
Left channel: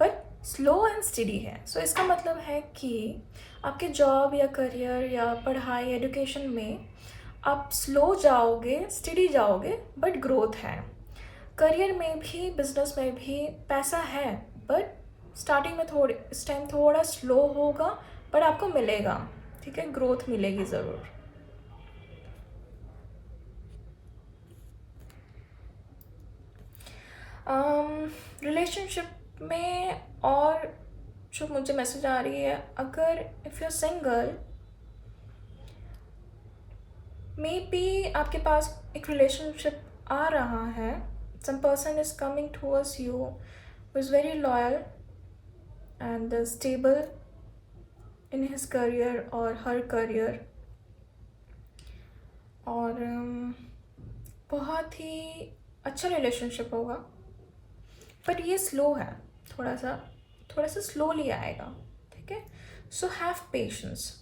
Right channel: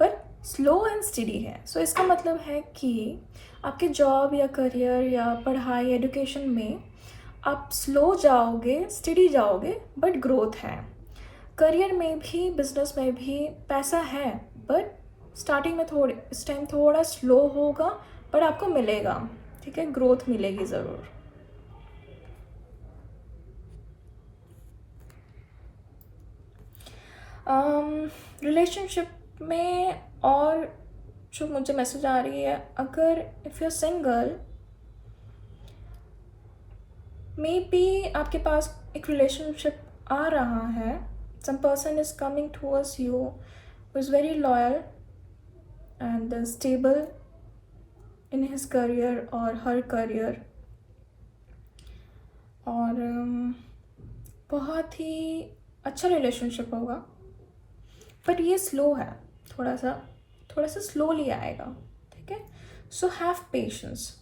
पर स्लो एंड स्टेडी है. सो इसका मतलब है कि आपके जॉब या करियर या पढ़ाई एजुकेशन में आप स्लो जाओगे, स्टेडी जाओगे, बट ग्रोथ है. करियर में भी, बिजनेस में भी पैसा है, बट स्टार्टिंग में इस टाइम थोड़ा स्लो होगा, पर आपको मिलेगा. ठीक है, ग्रोथ मिलेगी ज़रूर. रिलेशनशिप में और जो मुझे मैसेज आ रही है, अगर if you are single, maybe आपके पास एक रिलेशनशिप आ रहा है. Some person is coming towards you who is very loyal and stable in his career और हर करियर, और बहुत ही अच्छा रिलेशनशिप होगा. बट ये स्लो है, थोड़ा सा स्लोली आएगा. ठीक है, सो हैव पेशेंस.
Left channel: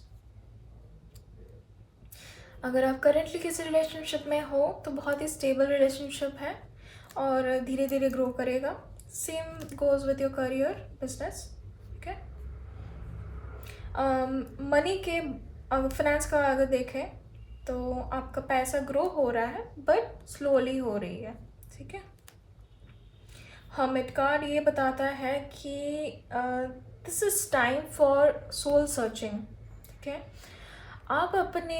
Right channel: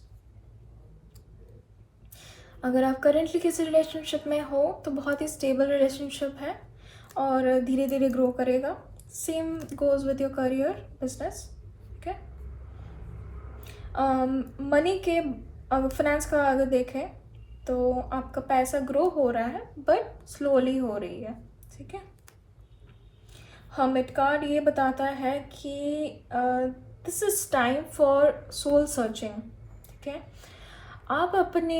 अगर आप करेंटली किसी रिलेशनशिप में हो तो बहुत ही स्टेबल रिलेशनशिप है और धीरे धीरे ग्रो करेगा. Same goes with your career, business. ठीक है, मनी के फाइनेंस का अगर देखें तो आपका पैसा ग्रो हो रहा है बट स्लोली हो रही है. ठीक है, हर्मिट कार्ड ये बताता है कि this is time for soul searching. ठीक है, आप अपने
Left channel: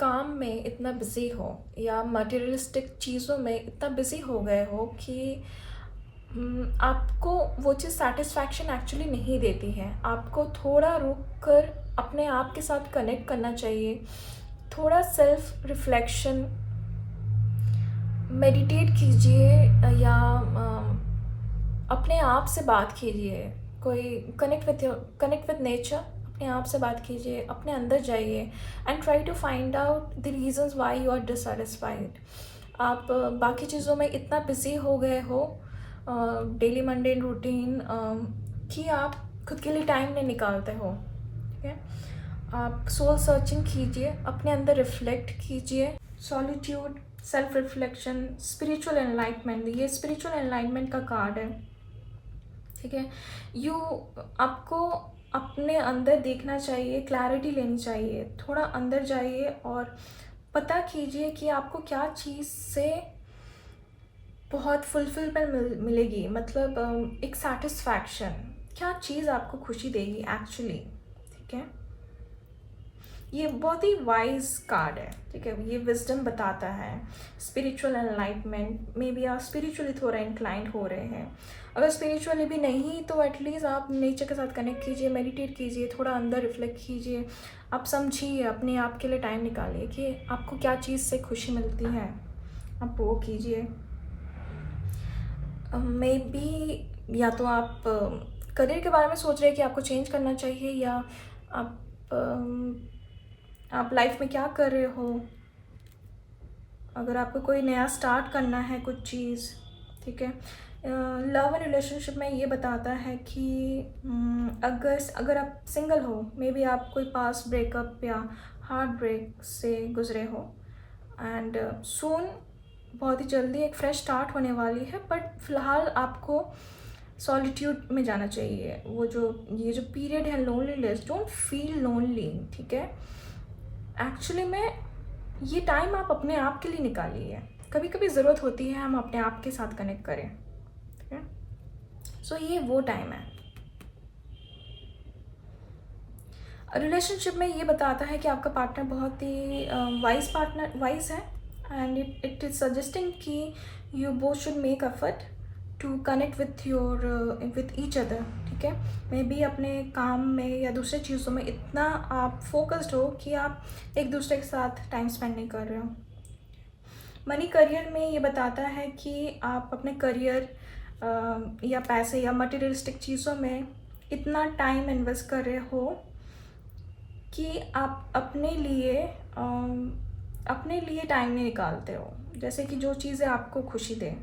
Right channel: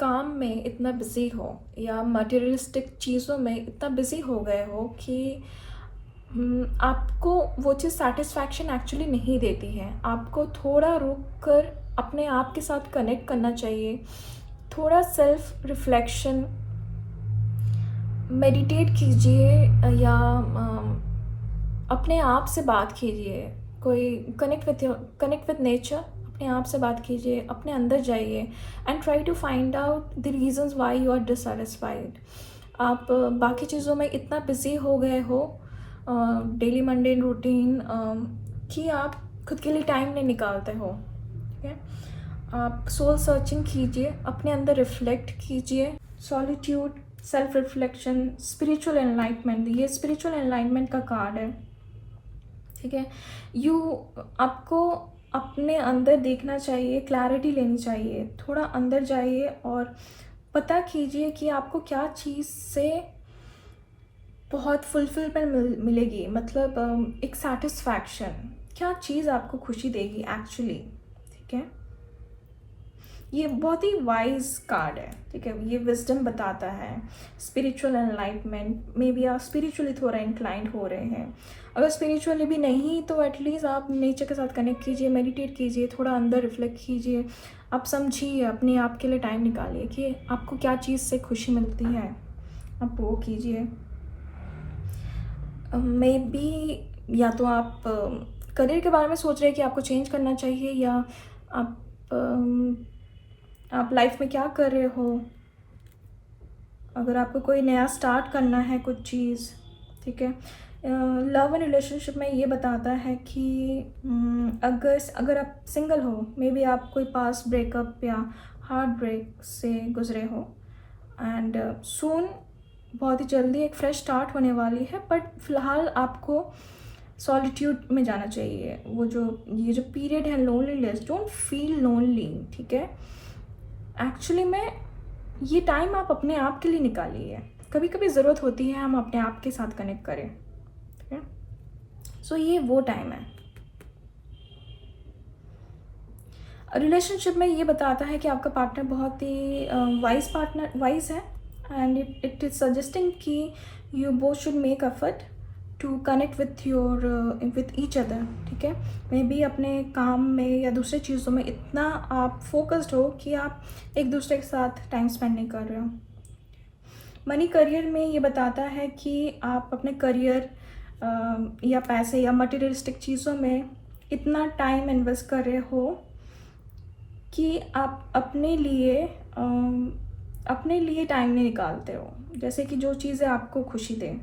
काम में इतना बिज़ी हो या मटेरियलिस्टिक चीज़ों में इतना बिज़ी हो गए हो कि आपको वो चीज़ सेटिस्फैक्शन एक्चुअली नहीं देती है. आपको थोड़ा रुक कर अपने आप के साथ कनेक्ट करना चाहिए. थोड़ा सेल्फ रिफ्लेक्शन, मेडिटेट कीजिए या अपने आप से बात कीजिए. कोई कनेक्ट विद नेचर, अपने आप से बात कीजिए, अपने अंदर जाइए and try to find out the reasons why you are dissatisfied. आप बाकी चीज़ों में इतना बिजी हो गए हो, डेली मंडेन रूटीन, कि आप खुद के लिए टाइम नहीं निकालते हो. ठीक है, आप सोल सर्चिंग कीजिए, अपने अंदर रिफ्लेक्ट कीजिए. Solitude, self reflection, spiritual enlightenment, ये स्पिरिचुअल एनलाइटमेंट का कार्ड है. ठीक है, आपको अपने अंदर देखना चाहिए, क्लैरिटी लेनी चाहिए. थोड़ा अंदर जाइए और पता कीजिए कि आपको क्या चीज़ से बहुत फुलफिलमेंट मिलेगी, मतलब एक सेटिस्फैक्शन, क्या चीज़ आपको खुशी देगी एक्चुअली. ठीक है, ये बहुत ही वाइज कार्ड है. ठीक है, ये विजडम बताता है, स्पिरिचुअल एनलाइटमेंट. मे बी आप स्पिरिचुअली थोड़ा इंक्लाइंड हो रहे हैं. अगर स्पिरिचुअली भी नहीं तो एटलीस्ट आप नेचर के साथ कनेक्ट कीजिए, मेडिटेट कीजिए, थोड़ा अंदर रिफ्लेक्ट कीजिए. आप समझिए, अपने आप के लिए टाइम निकालिए कि आपको क्या चीज़ से खुशी मिलती है, आप वो कीजिए. मे बी या तो आप करियर के बारे में सोच रहे हैं कि आपको चेंज करना चाहिए, या आप लाइफ में क्या कर रहे हो, अगर आपको कोई नया स्टार्ट करना है कुछ चीज़. ठीक है, लव एंड रिलेशनशिप में ये बताता है कि अगर आप सिंगल हो, मे बी आप कोई पास ब्रेकअप या हार्ट ब्रेक से गुजरे हो, एंड सून, बहुत ही जल्दी एक फ्रेश स्टार्ट होने वाली है. बट फ़िलहाल आपको सॉलिट्यूड में जाना चाहिए. ये जो पीरियड है लोनलीनेस, डोंट फील लोनली. ठीक है, एक्चुअली में ये टाइम आप अपने आप के लिए निकालिए. कभी कभी ज़रूरत होती है हम अपने आप के साथ कनेक्ट करें. ठीक है, सो ये वो टाइम है. रिलेशनशिप में ये बताता है कि आपका पार्टनर बहुत ही वाइज है, एंड इट इज़ सजेस्टिंग कि you both should make effort to connect with your with each other, ठीक है। मे बी अपने काम में या दूसरे चीज़ों में इतना आप फोकस्ड हो कि आप एक दूसरे के साथ टाइम स्पेंड नहीं कर रहे हो। मनी करियर में ये बताता है कि आप अपने करियर या पैसे या मटेरियलिस्टिक चीज़ों में इतना टाइम इन्वेस्ट कर रहे हो कि आप अपने लिए टाइम नहीं निकालते हो, जैसे कि जो चीज़ें आपको खुशी दें।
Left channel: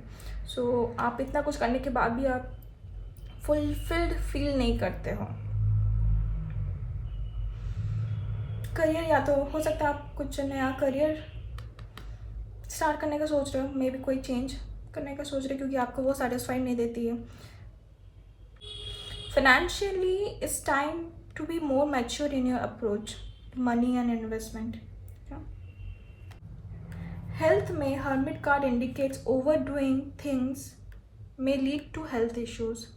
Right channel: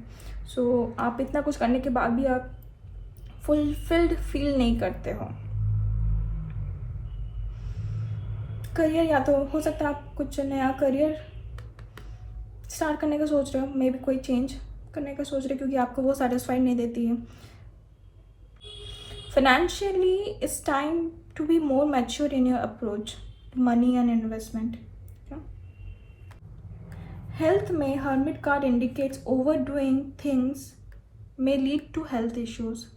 सो आप इतना कुछ करने के बाद भी आप फुलफिल्ड फील नहीं करते हो। करियर, या तो हो सकता है आप कुछ नया करियर स्टार्ट करने का सोच रहे हो, मे बी कोई चेंज करने का सोच रहे हो क्योंकि आपको वो सेटिस्फाइड नहीं देती है। Financially it's time to be more mature in your approach to money and investment. Health में hermit card indicates overdoing things may lead to health issues.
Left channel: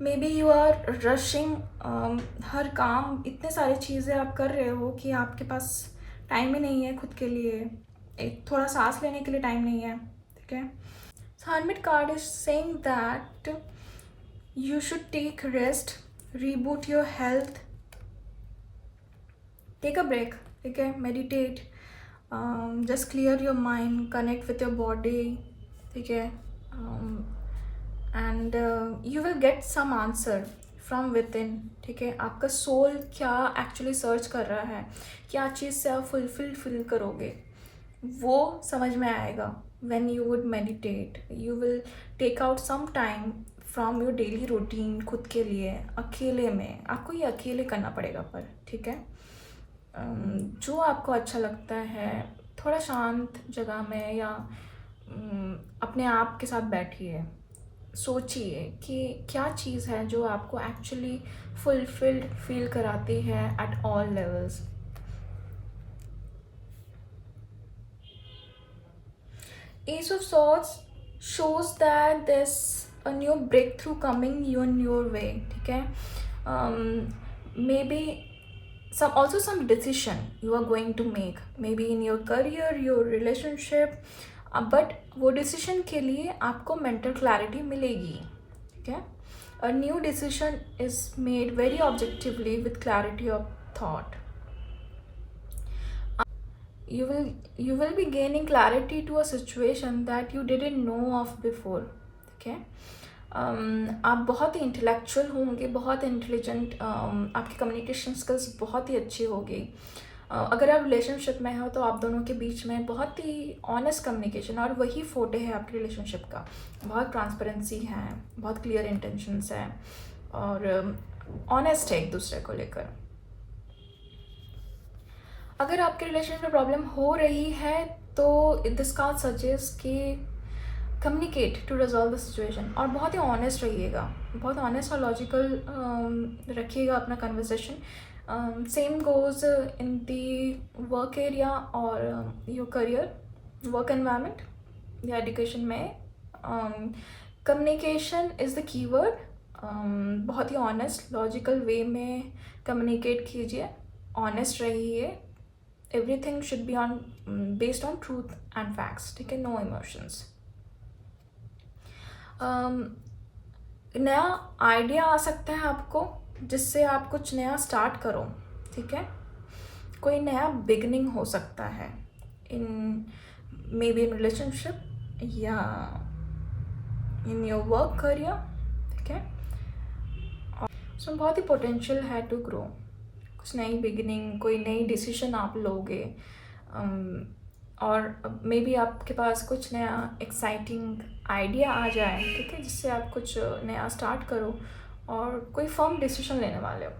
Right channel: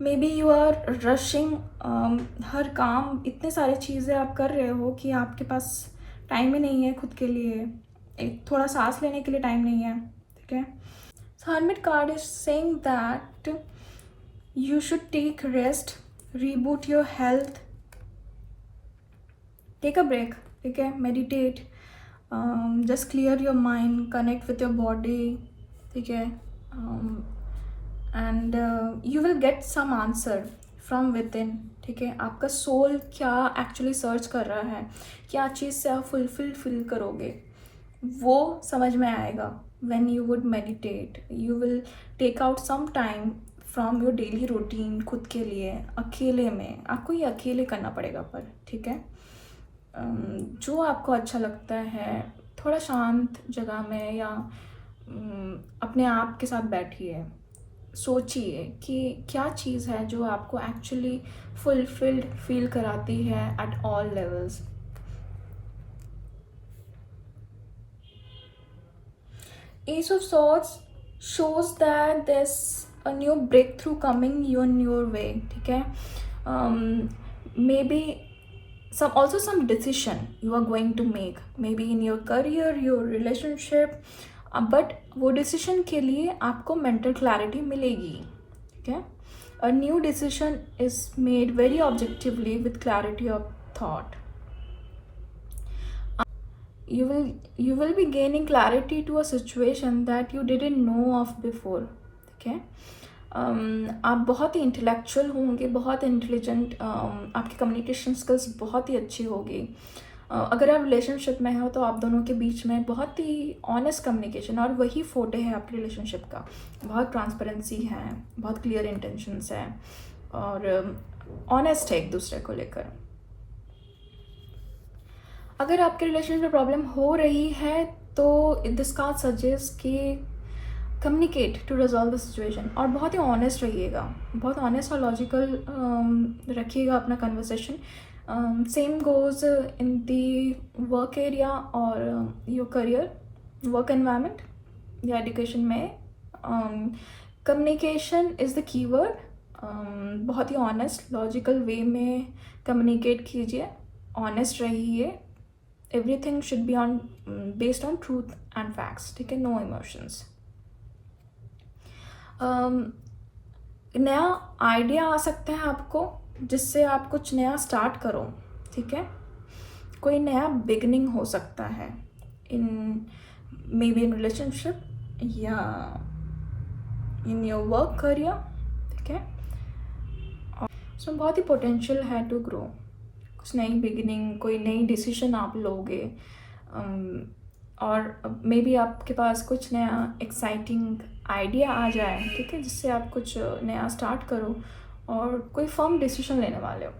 Maybe you are rushing, हर काम इतने सारी चीज़ें आप कर रहे हो कि आपके पास टाइम ही नहीं है खुद के लिए, एक थोड़ा सांस लेने के लिए टाइम नहीं है, ठीक है। So hermit card is saying that you should take rest, reboot your health, take a break, ठीक है, meditate, just clear your mind, connect with your body, ठीक है, and you will get some answer from within, ठीक है। आपका सोल क्या एक्चुअली सर्च कर रहा है, क्या चीज़ से आप फुलफिल फील करोगे, वो समझ में आएगा when you would meditate. You will take out some time from your daily routine खुद के लिए, अकेले में। आपको ये अकेले करना पड़ेगा पर, ठीक है। जो आपको अच्छा लगता है, थोड़ा शांत जगह में या अपने आप के साथ बैठिए, सोचिए कि क्या चीज़ है जो आपको एक्चुअली फुलफिल्ड फील कराती है at all levels. S of swords shows that there's a new breakthrough coming on your way, ठीक है। Maybe some decision you are going to make, maybe in your career, your relationship, but वो डिसीजन के लिए आपको मेंटल क्लैरिटी मिलेगी, ठीक है। A new decision is made very objectively with clarity of thought. you will be gaining clarity to a situation that you didn't know of before, ठीक है। आप बहुत ही इंटेलेक्चुअल होंगे, बहुत इंटेलिजेंट, आपकी कम्युनिकेशन स्किल्स बहुत ही अच्छी होगी। अगर आप रिलेशनशिप में हो तो आप दोनों के बीच में बहुत ही ऑनेस्ट कम्युनिकेशन, और वही फोटे है आपके रिलेशनशिप का। बहुत ट्रांसपेरेंसी है, बहुत क्लियर इंटेंशंस है, और ऑनेस्ट है एक दूसरे को लेकर। अगर आपके रिलेशनशिप में प्रॉब्लम हो रही है तो दिस कार्ड सजेस्ट कि communicate to resolve the situation, और बहुत ही ऑनेस्ट रहिएगा, बहुत ऑनेस्ट और लॉजिकल रखिएगा अपना conversation. Same goes in the work area और योर करियर, वर्क एनवायरनमेंट या एजुकेशन में। Communication is the keyword. बहुत ही ऑनेस्ट लॉजिकल वे में कम्युनिकेट कीजिए, ऑनेस्ट रहिए। Everything should be based on truth and facts, ठीक है, नो इमोशंस। नया आइडिया आ सकता है आपको जिससे आप कुछ नया स्टार्ट करो, ठीक है। कोई नया बिगनिंग हो सकता है इन मे बी इन रिलेशनशिप या इन योर वर्क करियर, ठीक है। सो बहुत ही पोटेंशियल है टू ग्रो। कुछ नई बिगिनिंग, कोई नई डिसीजन आप लोगे, और मे बी आपके पास कुछ नया एक्साइटिंग आइडिया आ जाए, ठीक है, जिससे आप कुछ नया स्टार्ट करो और कोई फर्म डिसीजन लेने वाले हो,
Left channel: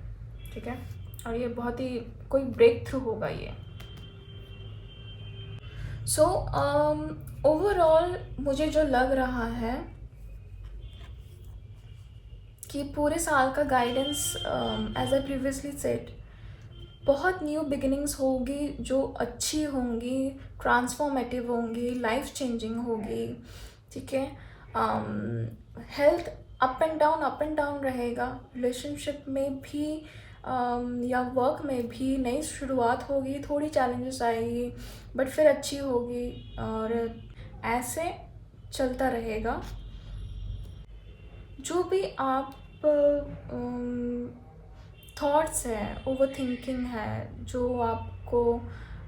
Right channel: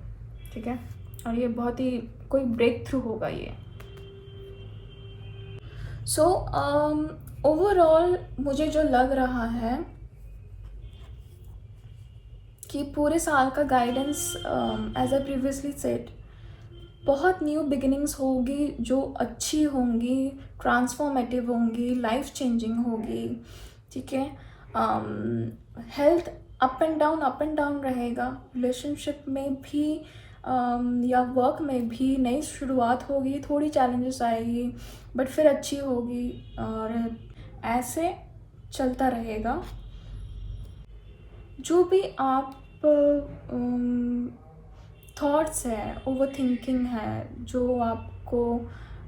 ठीक है। और ये बहुत ही कोई ब्रेक थ्रू होगा ये। सो ओवरऑल मुझे जो लग रहा है कि पूरे साल का guidance, as I previously said, बहुत न्यू बिगिनिंग्स होगी जो अच्छी होंगी, ट्रांसफॉर्मेटिव होंगी, लाइफ चेंजिंग होगी, ठीक है। हेल्थ अप एंड डाउन रहेगा। रिलेशनशिप में भी या वर्क में भी नई शुरुआत होगी, थोड़ी चैलेंजेस आएगी बट फिर अच्छी होगी और ऐसे चलता रहेगा। जो भी आप थॉट्स है, ओवर थिंकिंग है जो आपको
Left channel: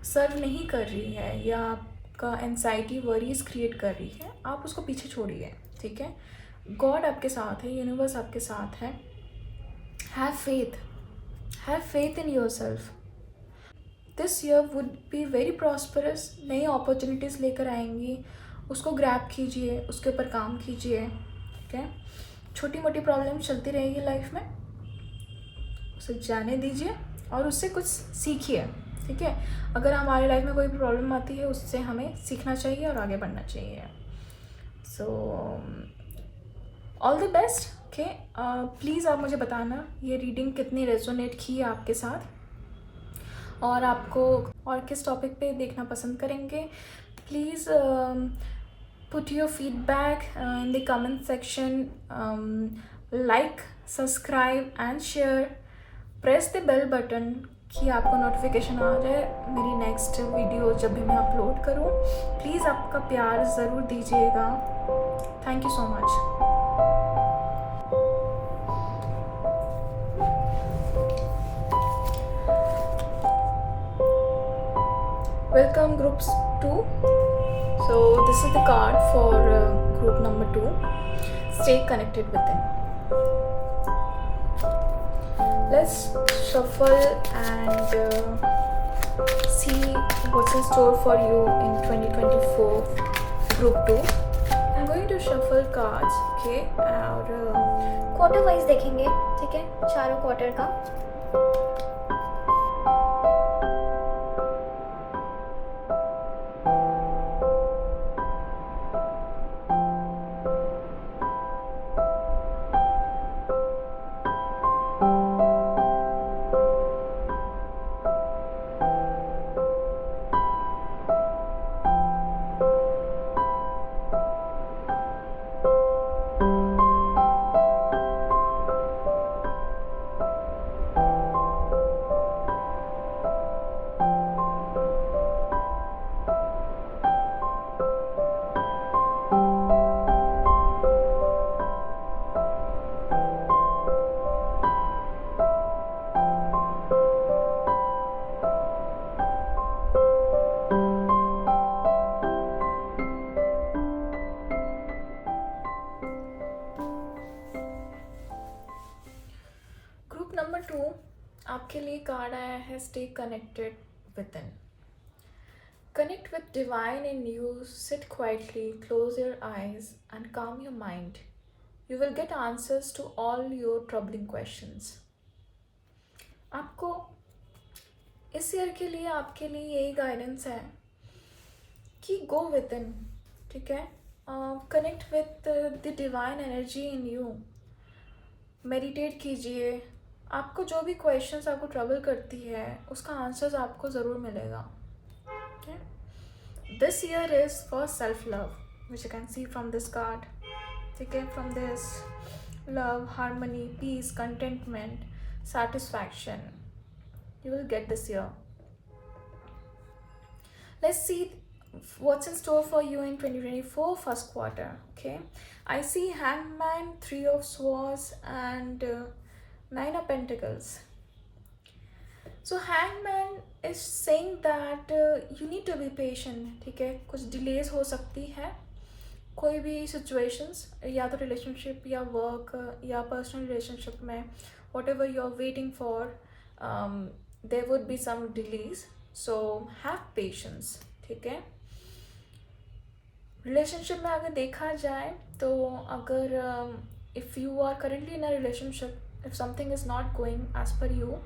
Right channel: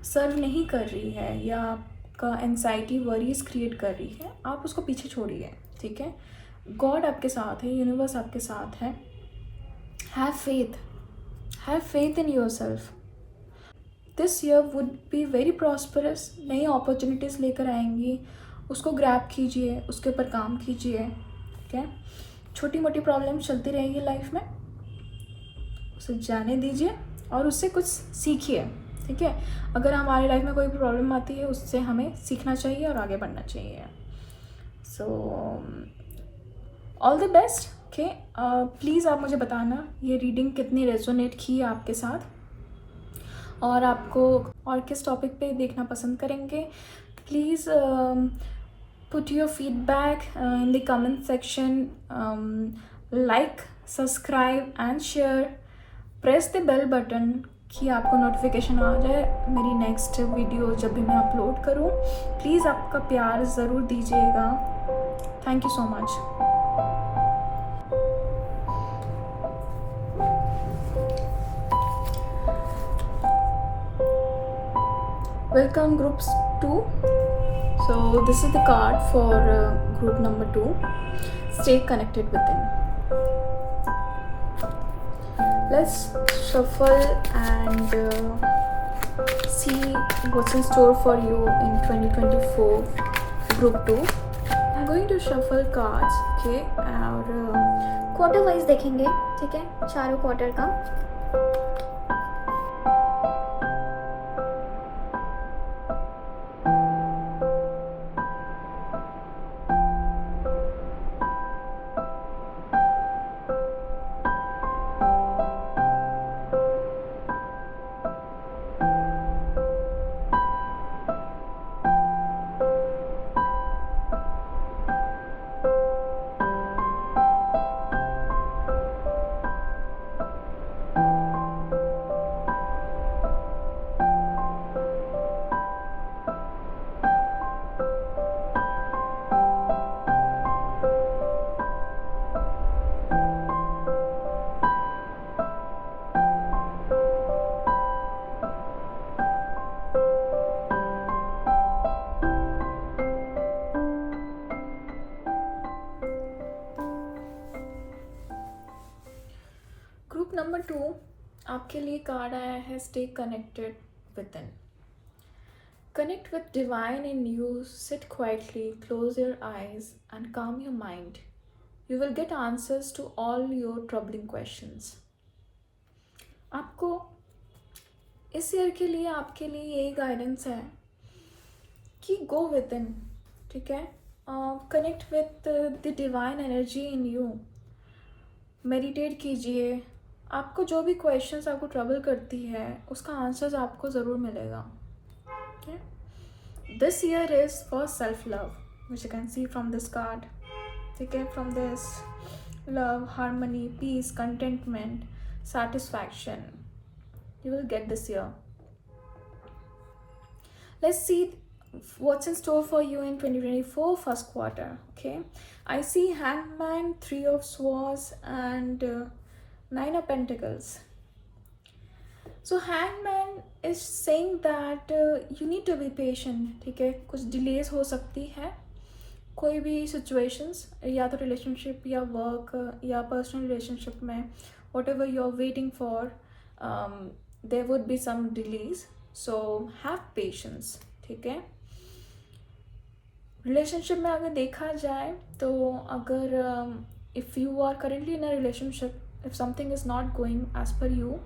सर्व नहीं कर रही है या आपका एंजाइटी वरीज क्रिएट कर रही है, आप उसको पीछे छोड़िए, ठीक है। गॉड आपके साथ है, यूनिवर्स आपके साथ है। Have faith in your self. This year would be very prosperous. नई अपॉर्चुनिटीज़ लेकर आएंगी, उसको ग्रैब कीजिए, उसके ऊपर काम कीजिए, ठीक है। छोटी मोटी प्रॉब्लम चलती रहेगी लाइफ में, उसे जाने दीजिए और उससे कुछ सीखिए, ठीक है। अगर हमारे लाइफ में कोई प्रॉब्लम आती है, उससे हमें सीखना चाहिए और आगे बढ़ना चाहिए। So all the best, okay. Please आप मुझे बताना ये रीडिंग कितनी रेजोनेट की है आपके साथ और आपको और किस टॉपिक पे देखना पसंद करेंगे। Please put your feedback in the comment section. Like, subscribe and share. Press the bell button कि आपको नोटिफिकेशन आ जाए मेरी नेक्स्ट वीडियो जब भी मैं अपलोड करूँ। प्लीज़ आपका प्यार ज़रूर दीजिएगा। Thank you so much. Welcome groups 2. So this is the card for group number 2. Stay connected within. Let's shuffle and see what's in store for you in 2024 group 2. I'm going to shuffle cards, okay, और क्वार्टर वाइज देखेंगे, ठीक है, चारों क्वार्टर का। ग्रुप नंबर 2 आपके लिए कार्ड आया है stay connected with in. Connect with divine in you, sit quietly, close your eyes and calm your mind. You will get answers to all your troubling questions. आपको इस ईयर के लिए आपके लिए यही गाइडेंस है कि गो विद इन, ठीक है। Connect with the divine energy in you. Meditate कीजिए। आपको जो भी क्वेश्चंस आपको ट्रबल करती है उसका आंसर्स आपको ज़रूर मिलेगा, ठीक है। This year is for self love, which you can see from this card, ठीक है। From this love, harmony, peace, contentment, satisfaction you will get this year. Let's see what's in store for you in 2024 first quarter, okay. I see Hangman, 3 of Swords and 9 of Pentacles. So Hangman is saying that you need to be patient, ठीक है। कुछ डिलेज हो सकती है, कोई भी सिचुएशंस, या तो रिलेशनशिप या वर्क या पर्सनल रिलेशनशिप में, whatever you're waiting for, there would be some delays, so have patience, ठीक है। रिलेशनशिप में अगर देखा जाए तो अगर if you are currently in a relationship, if something is not going as per you,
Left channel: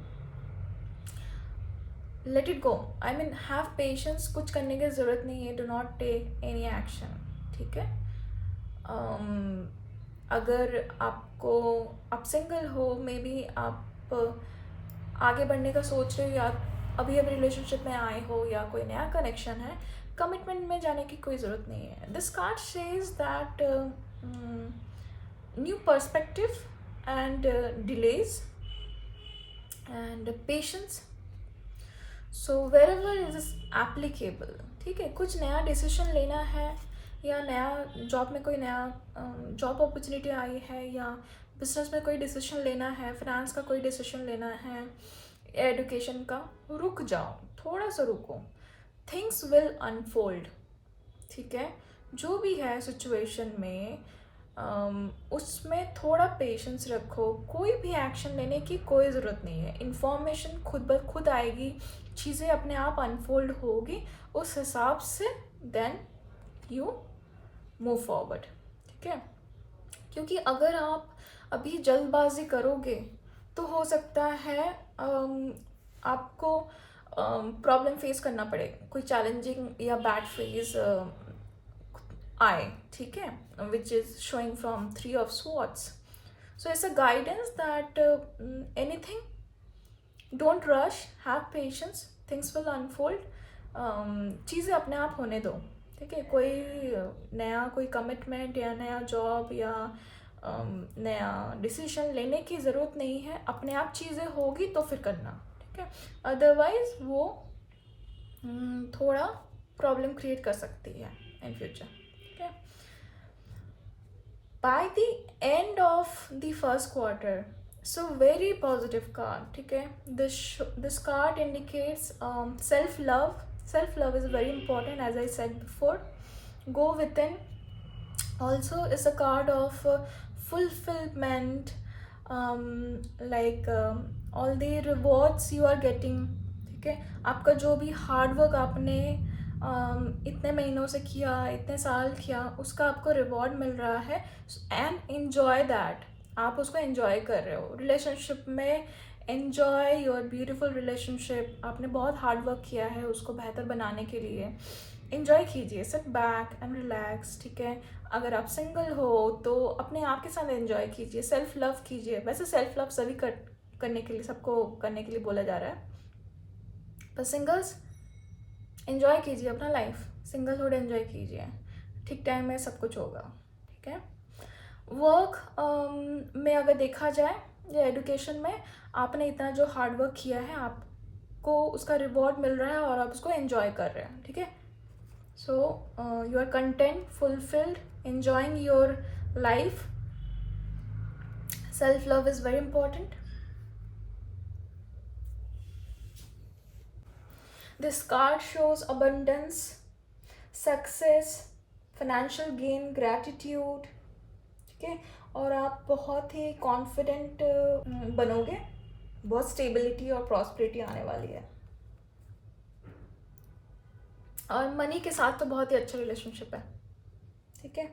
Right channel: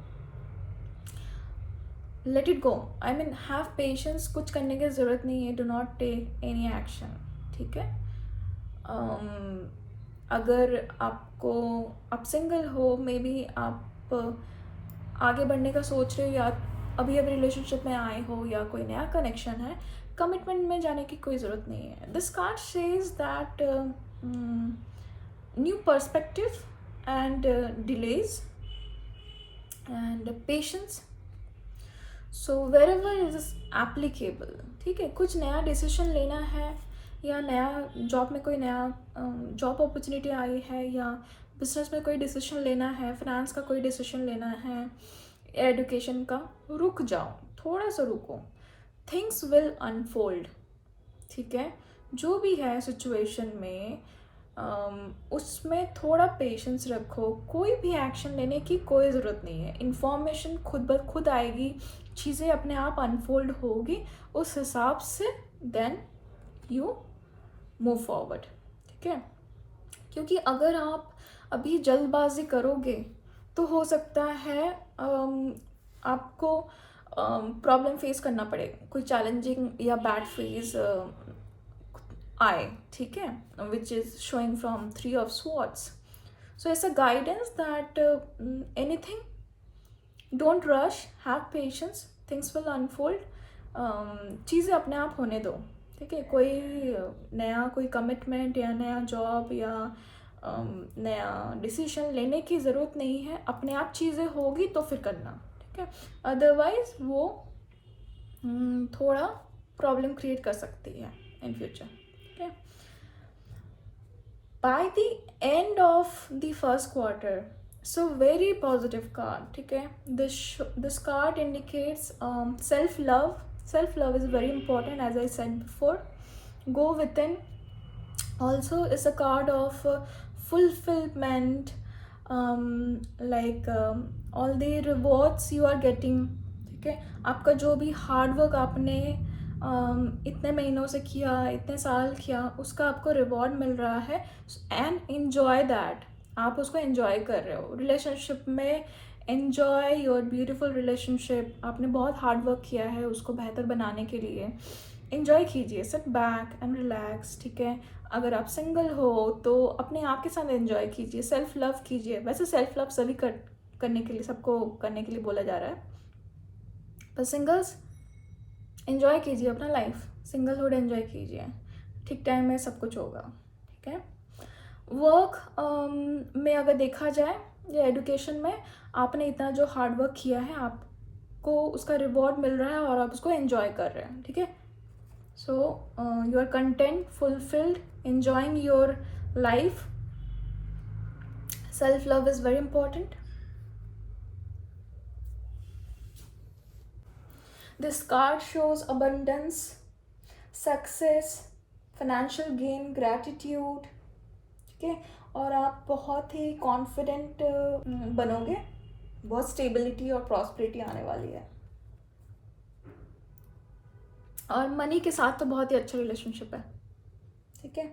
let it go. I mean, have patience. कुछ करने की ज़रूरत नहीं है, do not take any action, ठीक है। अगर आपको आप सिंगल हो, मे बी आप आगे बढ़ने का सोच रहे हो या अभी रिलेशनशिप में आए हो या कोई नया कनेक्शन है, कमिटमेंट में जाने की कोई ज़रूरत नहीं है। This card says that new perspective and delays and patience. So wherever is applicable. ठीक है, कुछ नया डिसीजन लेना है या नया जॉब में कोई नया जॉब अपॉर्चुनिटी आई है, या बिजनेस में कोई डिसीजन लेना है, फाइनेंस का कोई डिसीजन लेना है, एजुकेशन का, रुक जाओ, थोड़ा सा रुको. Things will unfold. ठीक है, जो भी है सिचुएशन में उसमें थोड़ा पेशेंस रखो. कोई भी एक्शन लेने की कोई ज़रूरत नहीं है. इन्फॉर्मेशन खुद ब खुद आएगी, चीज़ें अपने आप अनफोल्ड होगी, उस हिसाब से देन यू मूव फॉरवर्ड. ठीक है, क्योंकि अगर आप अभी जल्दबाजी करोगे तो हो सकता है आपको प्रॉब्लम फेस करना पड़े, कोई चैलेंजिंग या बैड फेज आए. ठीक है, which is showing from 3 of swords. So it's a guidance that anything, don't rush, have patience, things will unfold. चीज़ें अपने आप होने दो. ठीक है, कोई नया कोई कमिटमेंट या नया जॉब या नया डिसीजन लेने की ज़रूरत नहीं है. अपने आप चीज़ें होगी तो फिर करना. ठीक है, अदरवाइज वो थोड़ा प्रॉब्लम क्रिएट कर सकती है इन फ्यूचर. ठीक है, by the end of the first quarter, so very positive card. ठीक है, this card indicates self love is very important, as I said before. Go within. Also is a card of fulfillment, all the rewards you are getting. ठीक है, आपका जो भी हार्ड वर्क आपने इतने महीनों से किया, इतने साल किया, उसका आपको रिवॉर्ड मिल रहा है. And enjoy that. आप उसको एन्जॉय कर रहे हो. रिलेशनशिप में एन्जॉय योर ब्यूटीफुल रिलेशनशिप. आपने बहुत हार्ड वर्क किया है उसको बेहतर बनाने के लिए. एन्जॉय कीजिए, सिट बैक एंड रिलैक्स. ठीक है, अगर आप सिंगल हो तो अपने आप के साथ एन्जॉय कीजिए, सेल्फ लव कीजिए. वैसे सेल्फ लव सभी करने के लिए, सबको करने के लिए बोला जा रहा है, पर सिंगल्स एंजॉय कीजिए अपना लाइफ. सिंगलहुड एंजॉय कीजिए. ठीक टाइम में सब कुछ होगा. ठीक है, वर्क में अगर देखा जाए या एजुकेशन में, आपने इतना जो हार्ड वर्क किया है, आपको उसका रिवॉर्ड मिल रहा है और आप उसको एंजॉय कर रहे हैं. ठीक है, so you are content, fulfilled, enjoying your life. Self love is very important. This card shows abundance, success, financial gain, gratitude. ठीक है, और आप बहुत ही कॉन्फिडेंट बनोगे. बहुत स्टेबिलिटी और प्रॉस्पेरिटी आने वाली है. और मनी के साथ तो बहुत ही अच्छा रिलेशनशिप है. ठीक है,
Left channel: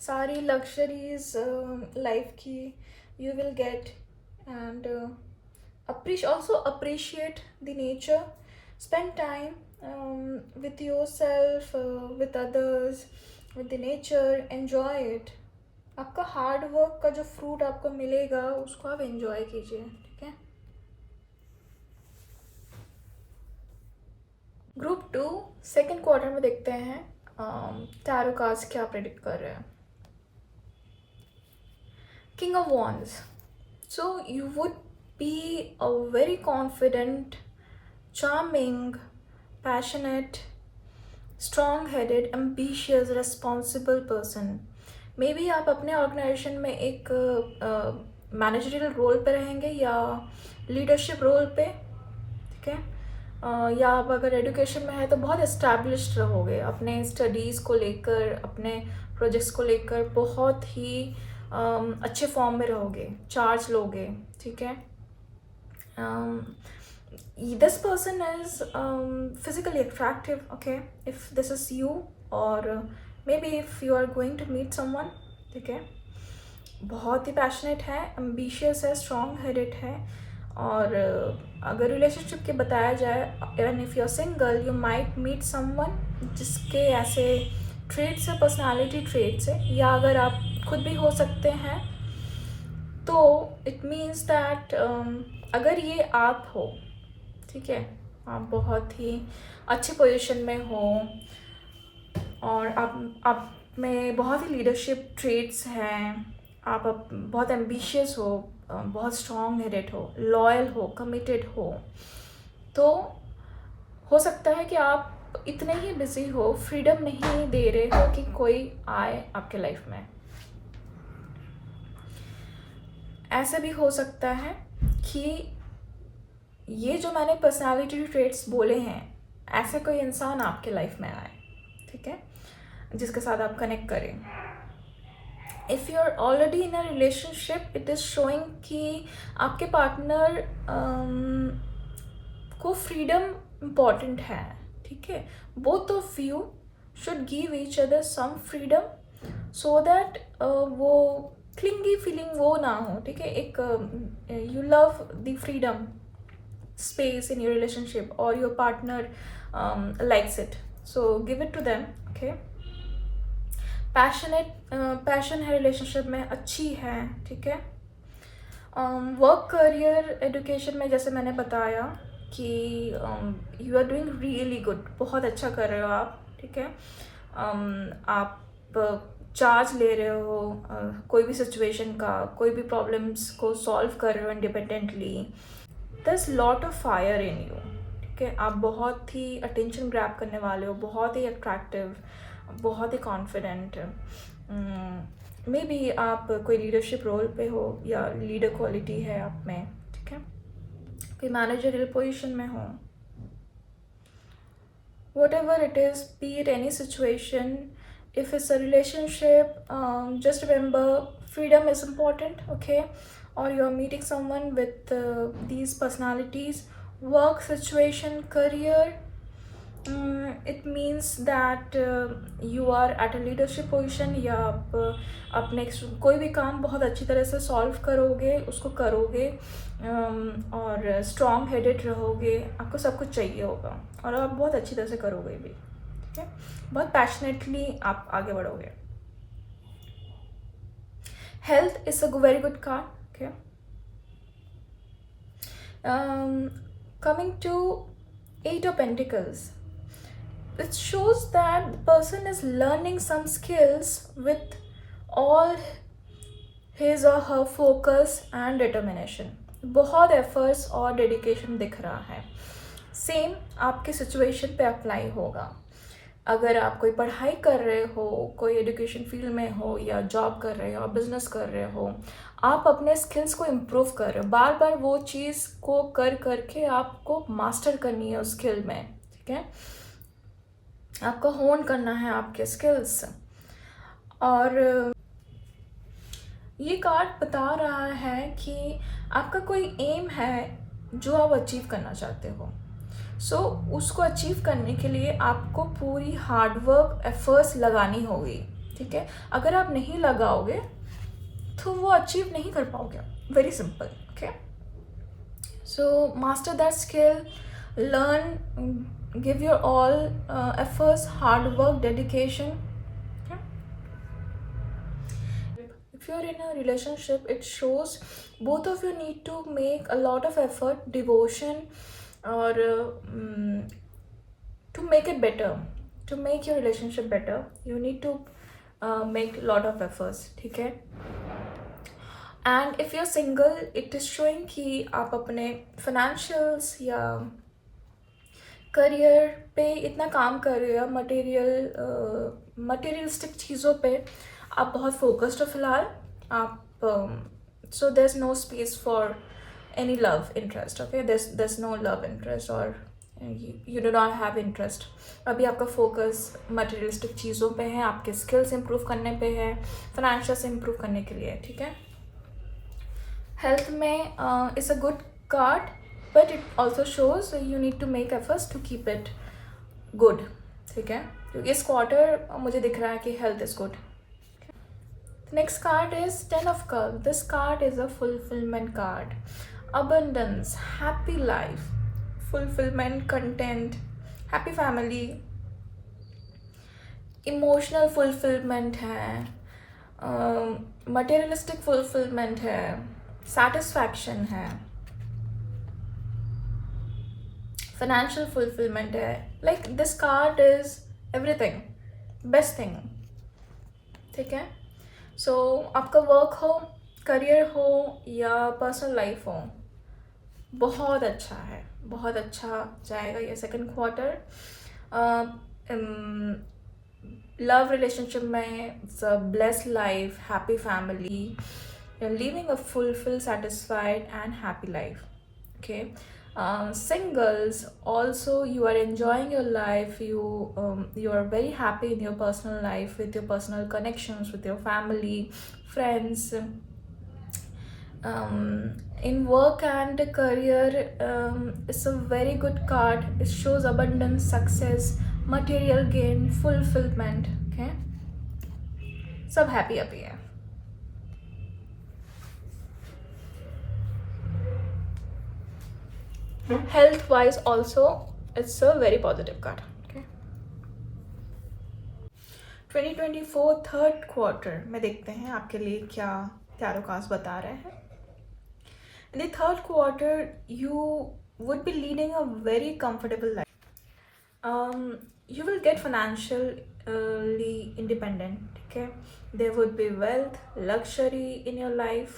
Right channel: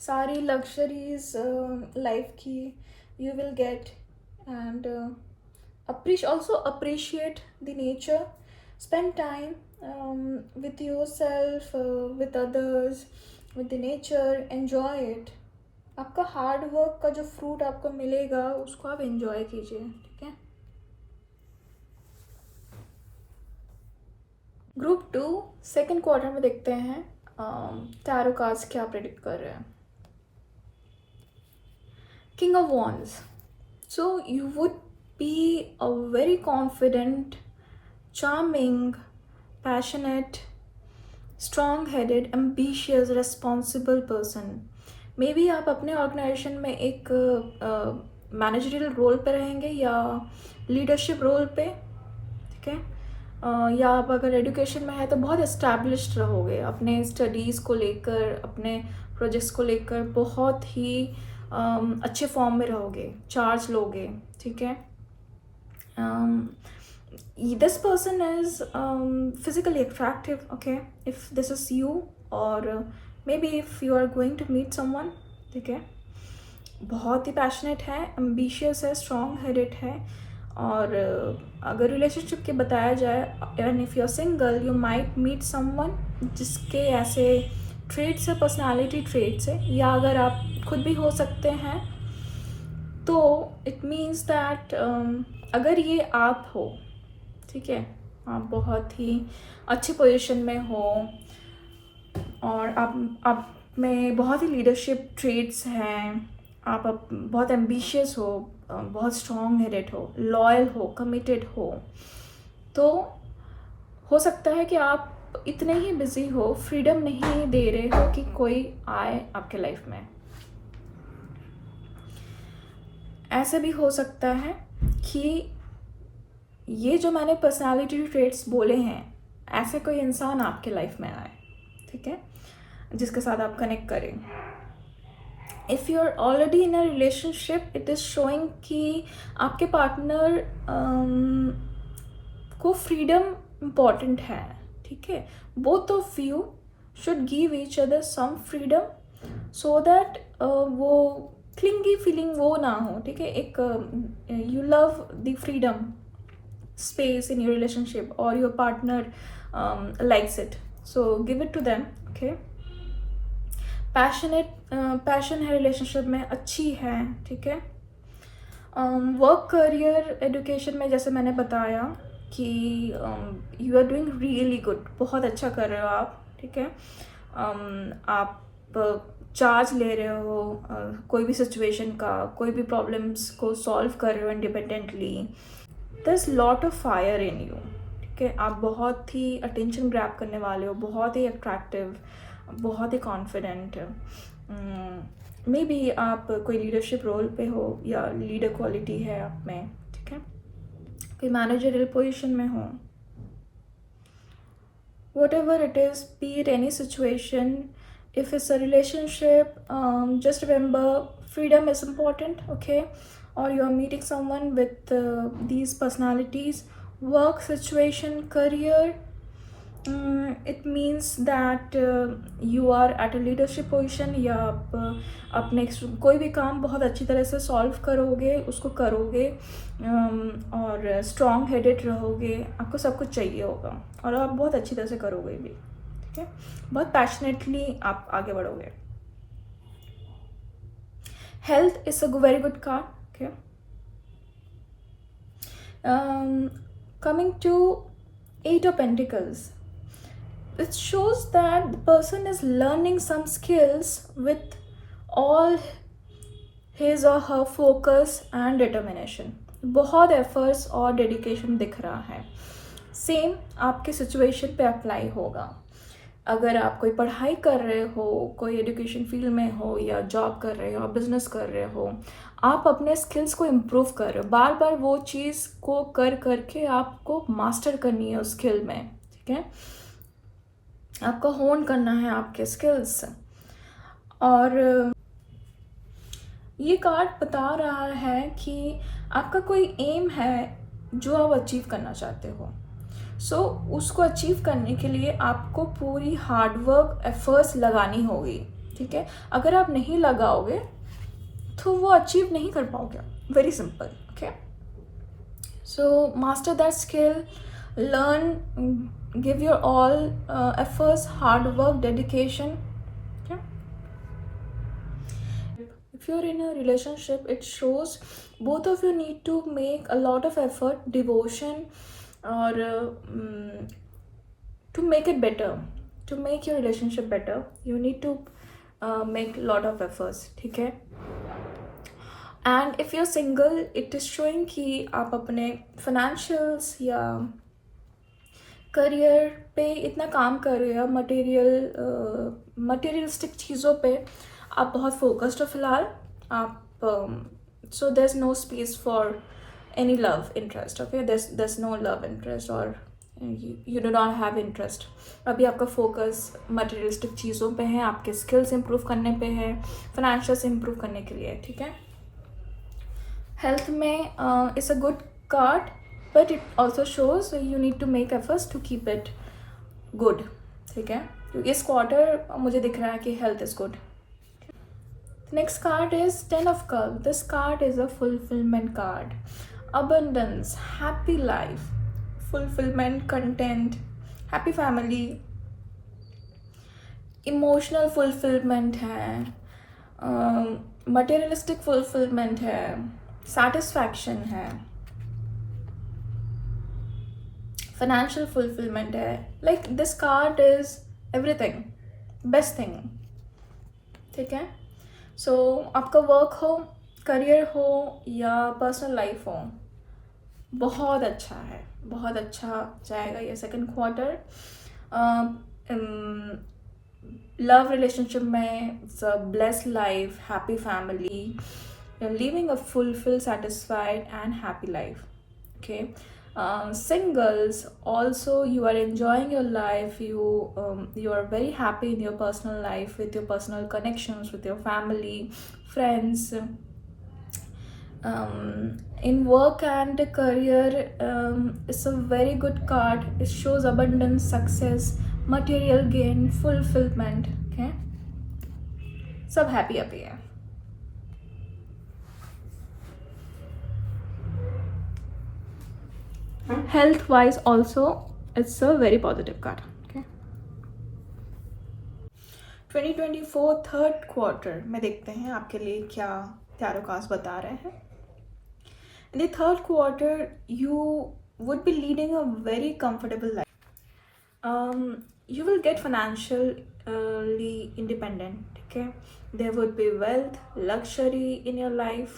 सारी लग्जरीज लाइफ की you will gate. And also appreciate the nature. Spend time with yourself, with others, with the nature. Enjoy it. आपका हार्ड वर्क का जो फ्रूट आपको मिलेगा उसको आप एंजॉय कीजिए. ठीक है, ग्रुप 2 सेकेंड क्वार्टर में देखते हैं टैरो कार्ड्स क्या प्रेडिक्ट कर रहे हैं. King of wands. So you would be a very confident, charming, passionate, strong-headed, ambitious, responsible person. Maybe आप अपने ऑर्गेनाइजेशन में एक मैनेजरियल रोल पे रहेंगे या लीडरशिप रोल पे. ठीक है, या आप अगर एजुकेशन में है तो बहुत एस्टैब्लिश्ड रहोगे. अपने स्टडीज़ को लेकर, अपने प्रोजेक्ट्स को लेकर बहुत ही अच्छे फॉर्म में रहोगे, चार्ज लोगे. ठीक है, this person is physically attractive. Okay, if this is you, or maybe if you are going to meet someone. ठीक है, बहुत ही पैशनेट है, एम्बिशियस है, स्ट्रॉन्ग हेडेड है. और अगर रिलेशनशिप के बताया जाए, and if you are single, you might meet someone जिसके ऐसे ट्रेड्स है, पर्सनालिटी ट्रेड्स है. या अगर आप खुद भी हो सकते हैं तो इट मीन्स दैट अगर ये आप हो, ठीक है, आप बहुत ही अच्छी पोजीशन में हो और आप में बहुत ही लीडरशिप ट्रेड्स हैं, बहुत एम्बिशियस हो, बहुत स्ट्रॉन्ग हेडेड हो, लॉयल हो, कमिटेड हो, तो हो सकता है कि आप इतने ही बिजी हो, फ्रीडम नहीं दे रहे हो कि कोई आए आपके लाइफ में। ऐसे भी हो सकता है कि ये जो मैंने पर्सनालिटी ट्रेट्स बोले हैं, ऐसे कोई इंसान आपके लाइफ में आए, ठीक है, जिसके साथ आप कनेक्ट करें। If you are already in a relationship, it is showing कि आपके पार्टनर को फ्रीडम इम्पॉर्टेंट है, ठीक है। Both of you should give each other some freedom so that वो क्लिंगी फीलिंग वो ना हो, ठीक है। एक you love the freedom space in your relationship or your partner likes it, so give it to them, okay। Passion है रिलेशनशिप में, अच्छी है, ठीक है। वर्क, करियर, एजुकेशन में जैसे मैंने बताया कि you are doing really good, बहुत अच्छा कर रहे हो आप, ठीक है। आप चार्ज ले रहे हो कोई भी सिचुएशन का, कोई भी प्रॉब्लम्स को सॉल्व कर रहे हो independently. There's lot of fire in you, ठीक है। आप बहुत ही अटेंशन ग्रैब करने वाले हो, बहुत ही अट्रैक्टिव, बहुत ही कॉन्फिडेंट। मे बी आप कोई लीडरशिप रोल पे हो या लीडर क्वालिटी है आप में, ठीक है। कोई मैनेजरियल पोजीशन में हो, whatever it is, be it any situation, if it's a relationship, just remember freedom is important, okay। or you're meeting someone with these personalities, work situation, career, it means that you are at a leadership position, या आप अपने कोई भी काम बहुत अच्छी तरह से सॉल्व करोगे, उसको करोगे, और स्ट्रॉन्ग हेडेड रहोगे, आपको सब कुछ चाहिए होगा और आप बहुत अच्छी तरह से करोगे भी, ठीक है। बहुत पैशनेटली आप आगे बढ़ोगे। Health is a very good card, okay। Coming to 8 of Pentacles, it shows that the person is learning some skills with all his or her focus and determination। बहुत efforts और dedication दिख रहा है। सेम आपके सिचुएशन पे अप्लाई होगा। अगर आप कोई पढ़ाई कर रहे हो, कोई एजुकेशन फील्ड में हो, या जॉब कर रहे हो, बिजनेस कर रहे हो, आप अपने स्किल्स को इम्प्रूव कर रहे हो, बार बार वो चीज़ को कर करके आपको मास्टर करनी है उस स्किल में, ठीक है। आपको होन करना है आपके स्किल्स। और ये कार्ड बता रहा है कि आपका कोई एम है जो आप अचीव करना चाहते हो, सो उसको अचीव करने के लिए आपको पूरी हार्डवर्क एफर्ट्स लगानी होगी, ठीक है। अगर आप नहीं लगाओगे तो वो अचीव नहीं कर पाओगे, very simple, okay. So master that skill, learn, give your all efforts, hard work, dedication. If you're in a relationship, it shows both of you need to make a lot of effort, devotion, or to make it better, to make your relationship better, you need to make a lot of efforts, ठीक है। And if you're single, it is showing कि आप अपने financials या करियर पे इतना काम कर रहे हो, मटेरियलिस्टिक चीज़ों पे आप बहुत फोकस्ड हो फिलहाल। आप so there's no space for any love interest, okay। there's no love interest, or you do not have interest। अभी आपका फोकस मटेरियलिस्टिक चीज़ों पे है, आपके स्किल्स इम्प्रूव करने पे है, फाइनेंशियल से इम्प्रूव करने के लिए, ठीक है। हेल्थ में it's a good card, but it also shows you need to make efforts to keep it good, ठीक है। क्योंकि इस क्वार्टर मुझे दिख रहा है कि health is good. Next card is 10 of Cups. This card is a fulfillment card. Abundance, happy life, fulfillment, content, happy family, emotional fulfillment है, materialistic fulfillment है, satisfaction है, financial fulfillment है। Like this card is everything, best thing, ठीक है। सो आपका वर्क हो, करियर हो या पर्सनल लाइफ हो, बहुत अच्छा है, बहुत अच्छा जाएगा ये सेकंड क्वार्टर। लव रिलेशनशिप में it's a blessed life, happy family, you're living a fulfilled, satisfied and happy life. Okay. Singles also, you are enjoying your life, you are very happy in your personal life, with your personal connections with your family, friends. In work and career, it's a very good card. It shows abundance, success, material gain, fulfillment. Okay, सब happy happy है. Health wise also, it's a very positive card. Okay. 2024 third quarter में देखते हैं आपके लिए क्या टैरो कार्ड्स बता रहे हैं. In the third quarter, you would be leading a very comfortable life. You will get financially independent. Okay, there would be wealth, luxury in your life.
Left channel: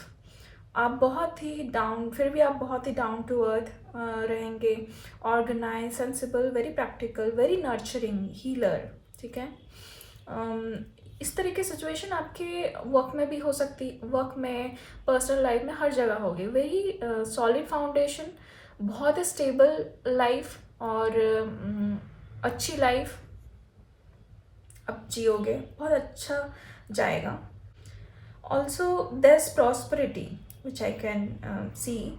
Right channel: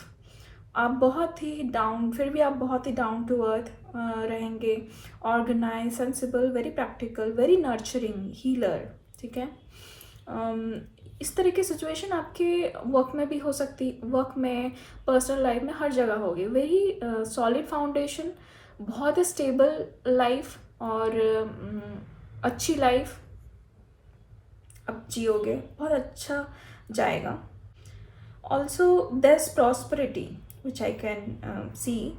आप बहुत ही डाउन, फिर भी आप बहुत ही डाउन टू अर्थ रहेंगे, organise, sensible, very practical, very nurturing, healer. ठीक है. इस तरह की सिचुएशन आपके वर्क में भी हो सकती, वर्क में, पर्सनल लाइफ में, हर जगह होगी. वेरी सॉलिड फाउंडेशन, बहुत ही स्टेबल लाइफ और अच्छी लाइफ आप जियोगे, बहुत अच्छा जाएगा. Also there's prosperity which I can see.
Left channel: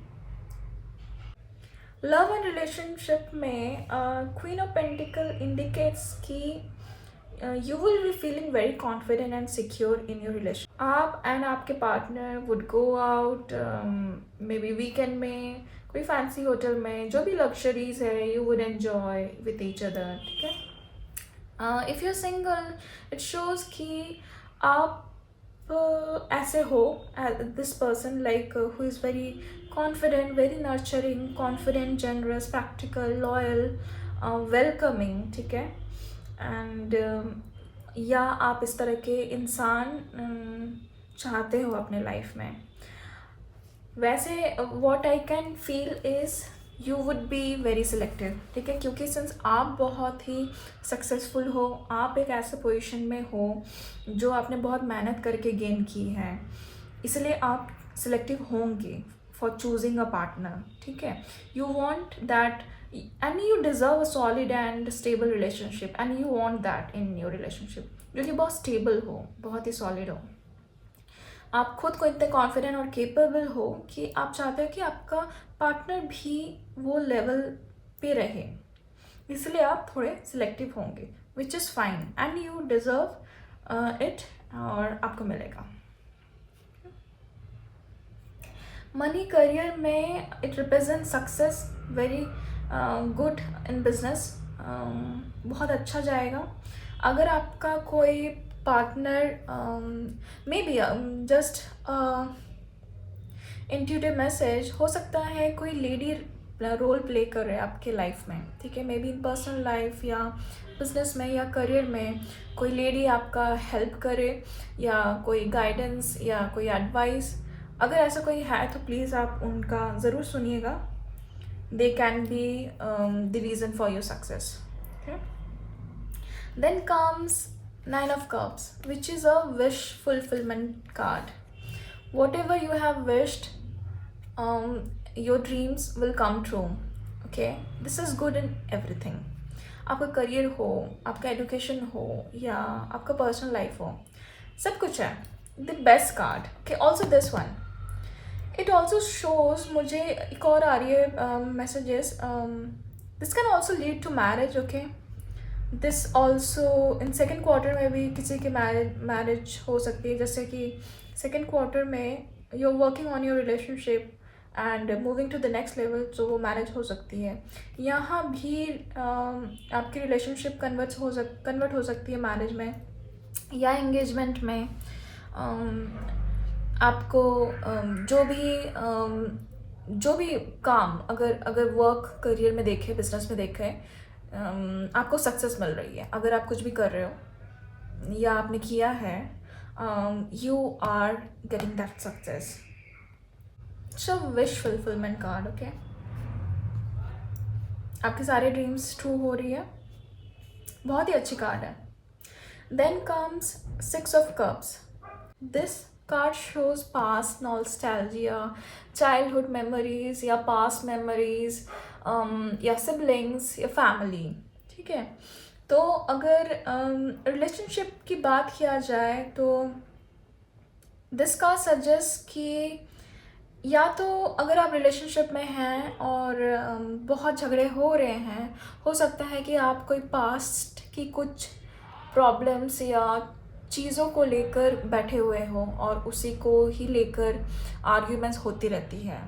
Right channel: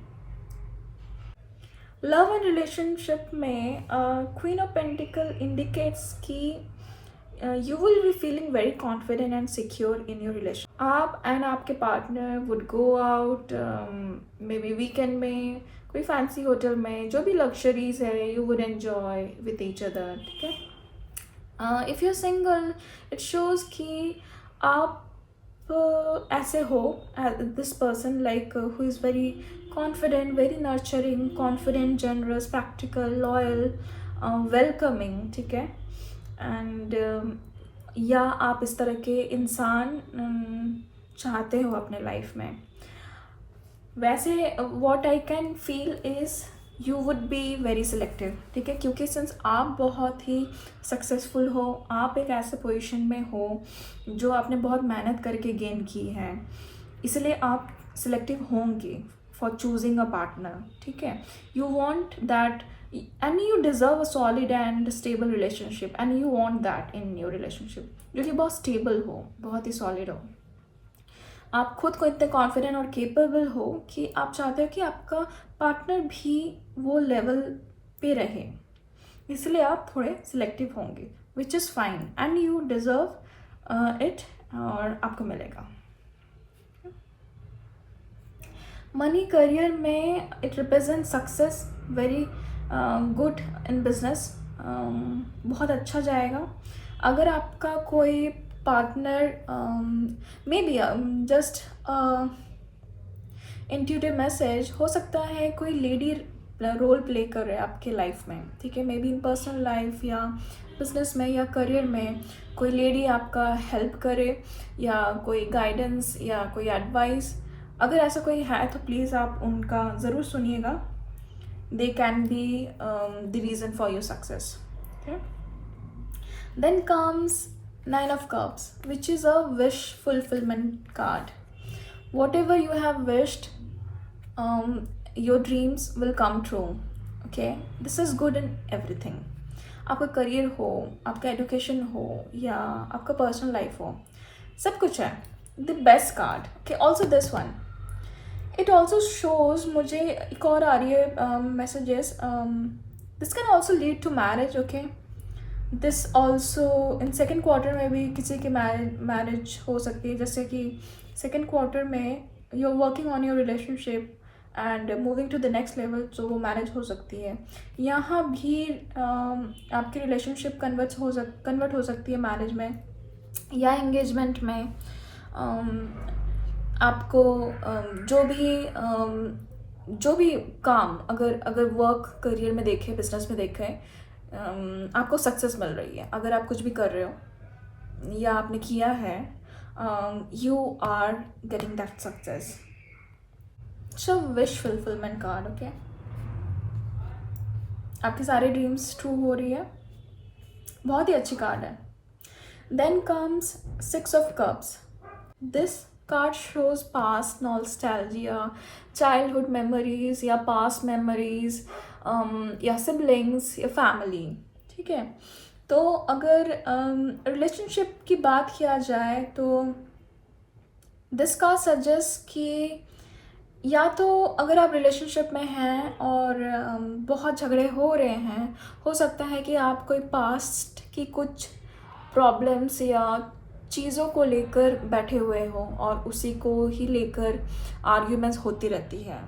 Love and relationship में क्वीन ऑफ पेंटिकल इंडिकेट्स कि you will be feeling very confident and secure in your relation. आप एंड आपके partner would go out, maybe weekend में कोई फैंसी होटल में, जो भी लग्जरीज है you would enjoy with each other. ठीक है. If you're single, it shows कि आप ऐसे हो, this person like who is very confident, very nurturing, confident, generous, practical, loyal, welcoming. ठीक है. एंड या आप इस तरह के इंसान चाहते हो अपने लाइफ में. वैसे what I can feel is you would be very selective. ठीक है, क्योंकि सिंस आप बहुत ही सक्सेसफुल हो, आप एक ऐसे पोजीशन में हो जो आपने बहुत मेहनत करके गेन की है, इसलिए आप सिलेक्टिव होंगे फॉर चूजिंग अ पार्टनर. ठीक है. You want that and you deserve a solid and stable relationship and you want that in your relationship, जो कि बहुत stable हो, बहुत ही solid हो. आप खुद को इतने confident और capable हो कि आप चाहते हो कि आपका पार्टनर भी वो लेवल पे रहे, इसलिए आप थोड़े सिलेक्टिव होंगे, which is fine and you deserve it और आपको मिलेगा. मनी करियर में it represent success, very good in business, बहुत अच्छा जाएगा. अगर आपका कोई partner may be just intuitive message हो सकता है, कोई लेडी रोल प्ले कर रहे हैं आपके लाइफ में. ठीक है. May be in personal life या बिजनेस में या करियर में कोई लेडी आपका हेल्प करे या कोई गाइडेंस या कोई एडवाइस. अगर ऐसा कोई है तो प्लीज़ आप उनका ज़रूर सुनिएगा. They can be the reason for your success. Then comes 9 of Cups, which is a wish fulfillment card. Whatever you have wished, your dreams will come true. Okay, this is good in everything. आपका करियर हो, आपका एजुकेशन हो या आपका पर्सनल लाइफ हो, सब कुछ है. The best card. Okay, also this one, it also shows, मुझे एक और आ रही है messages, this can also lead to marriage. Okay, this also in second quarter में भी किसी की मैरिज हो सकती है. जैसे कि सेकेंड क्वार्टर में you are working on your relationship and moving to the next level, तो वो मैरिज हो सकती है. यहाँ भी आपकी रिलेशनशिप कन्वर्ट हो सकती है मैरिज में या एंगेजमेंट में. आपको जो भी काम, अगर वर्क करियर में देखें, बिजनेस में देखें, आपको सक्सेस मिल रही है. अगर आप कुछ भी कर रहे हो या आपने किया है, you are getting that success. So wish fulfillment card, okay? आपके सारे ड्रीम्स ट्रू हो रही है, बहुत ही अच्छी कार्ड है. Then comes Six of Cups. This card shows past nostalgia, childhood memories या past memories, या siblings या family. ठीक है, तो अगर रिलेशनशिप की बात किया जाए तो दिस का सजेस्ट कि या तो अगर आप रिलेशनशिप में हैं और बहुत झगड़े हो रहे हैं, हो सकता है कि आप कोई पास्ट की कुछ प्रॉब्लम्स या चीज़ों को लेकर बैठे हुए हो और उसी को ही लेकर आर्ग्यूमेंट्स होती रहती है.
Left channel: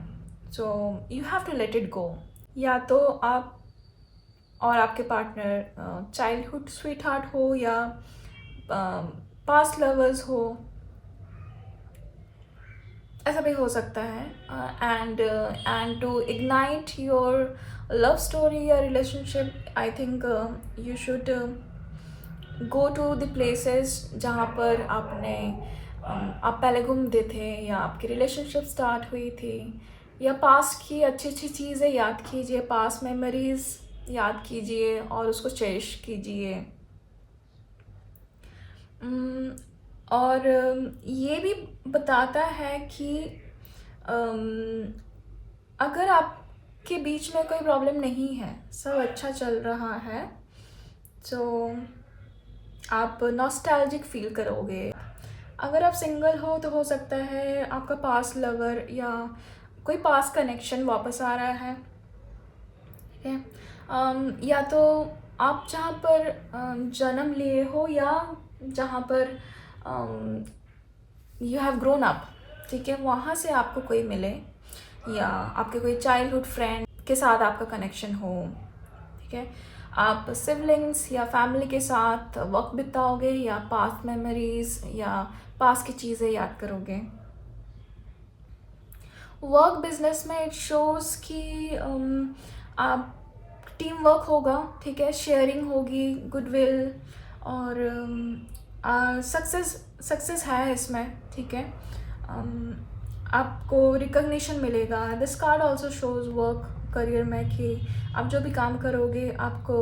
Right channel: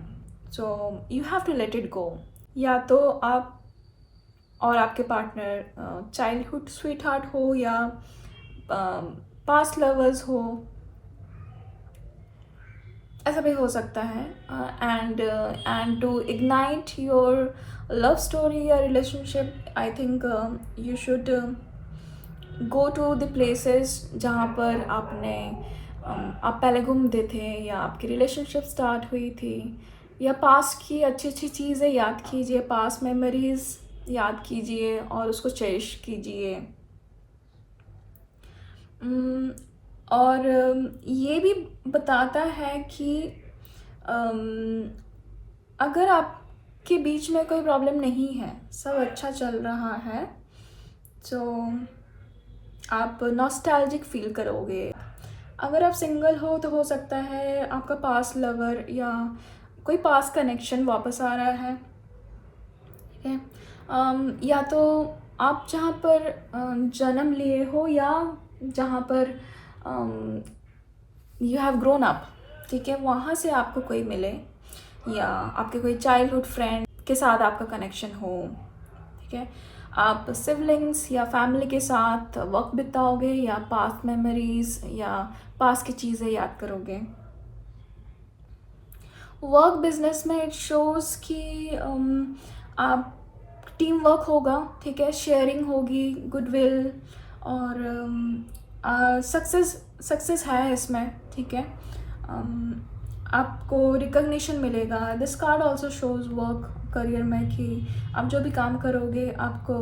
So you have to let it go. या तो आप और आपके पार्टनर चाइल्डहुड स्वीट हार्ट हो या पास्ट लवर्स हो, ऐसा भी हो सकता है. And to ignite your love story या relationship, I think you should go to the places जहाँ पर आप पहले घूमते थे या आपकी रिलेशनशिप स्टार्ट हुई थी, या पास्ट की अच्छी अच्छी चीज़ें याद कीजिए, पास्ट मेमोरीज याद कीजिए और उसको चेरिश कीजिए. और ये भी बताता है कि अगर आपके बीच में कोई प्रॉब्लम नहीं है, सब अच्छा चल रहा है, तो आप नॉस्टैल्जिक फील करोगे. अगर आप सिंगल हो तो हो सकता है आपका पास्ट लवर या कोई पास्ट कनेक्शन वापस आ रहा है. ठीक है, या तो आप जहाँ पर जन्म लिए हो या जहाँ पर यू हैव ग्रोन अप, ठीक है, वहाँ से आपको कोई मिले, या आपके कोई चाइल्डहुड फ्रेंड के साथ आपका कनेक्शन हो. ठीक है, आप सिबलिंग्स या फैमिली के साथ वक्त बिताओगे या पास्ट मेमोरीज या पास्ट की चीज़ें याद करोगे. वर्क बिजनेस में इट शोज़ कि आप टीम वर्क होगा. ठीक है, शेयरिंग होगी, गुडविल और सक्सेस है इसमें. ठीक है, आपको रिकग्निशन मिलेगा. This card also shows work career में कि आप जो भी काम करोगे आपको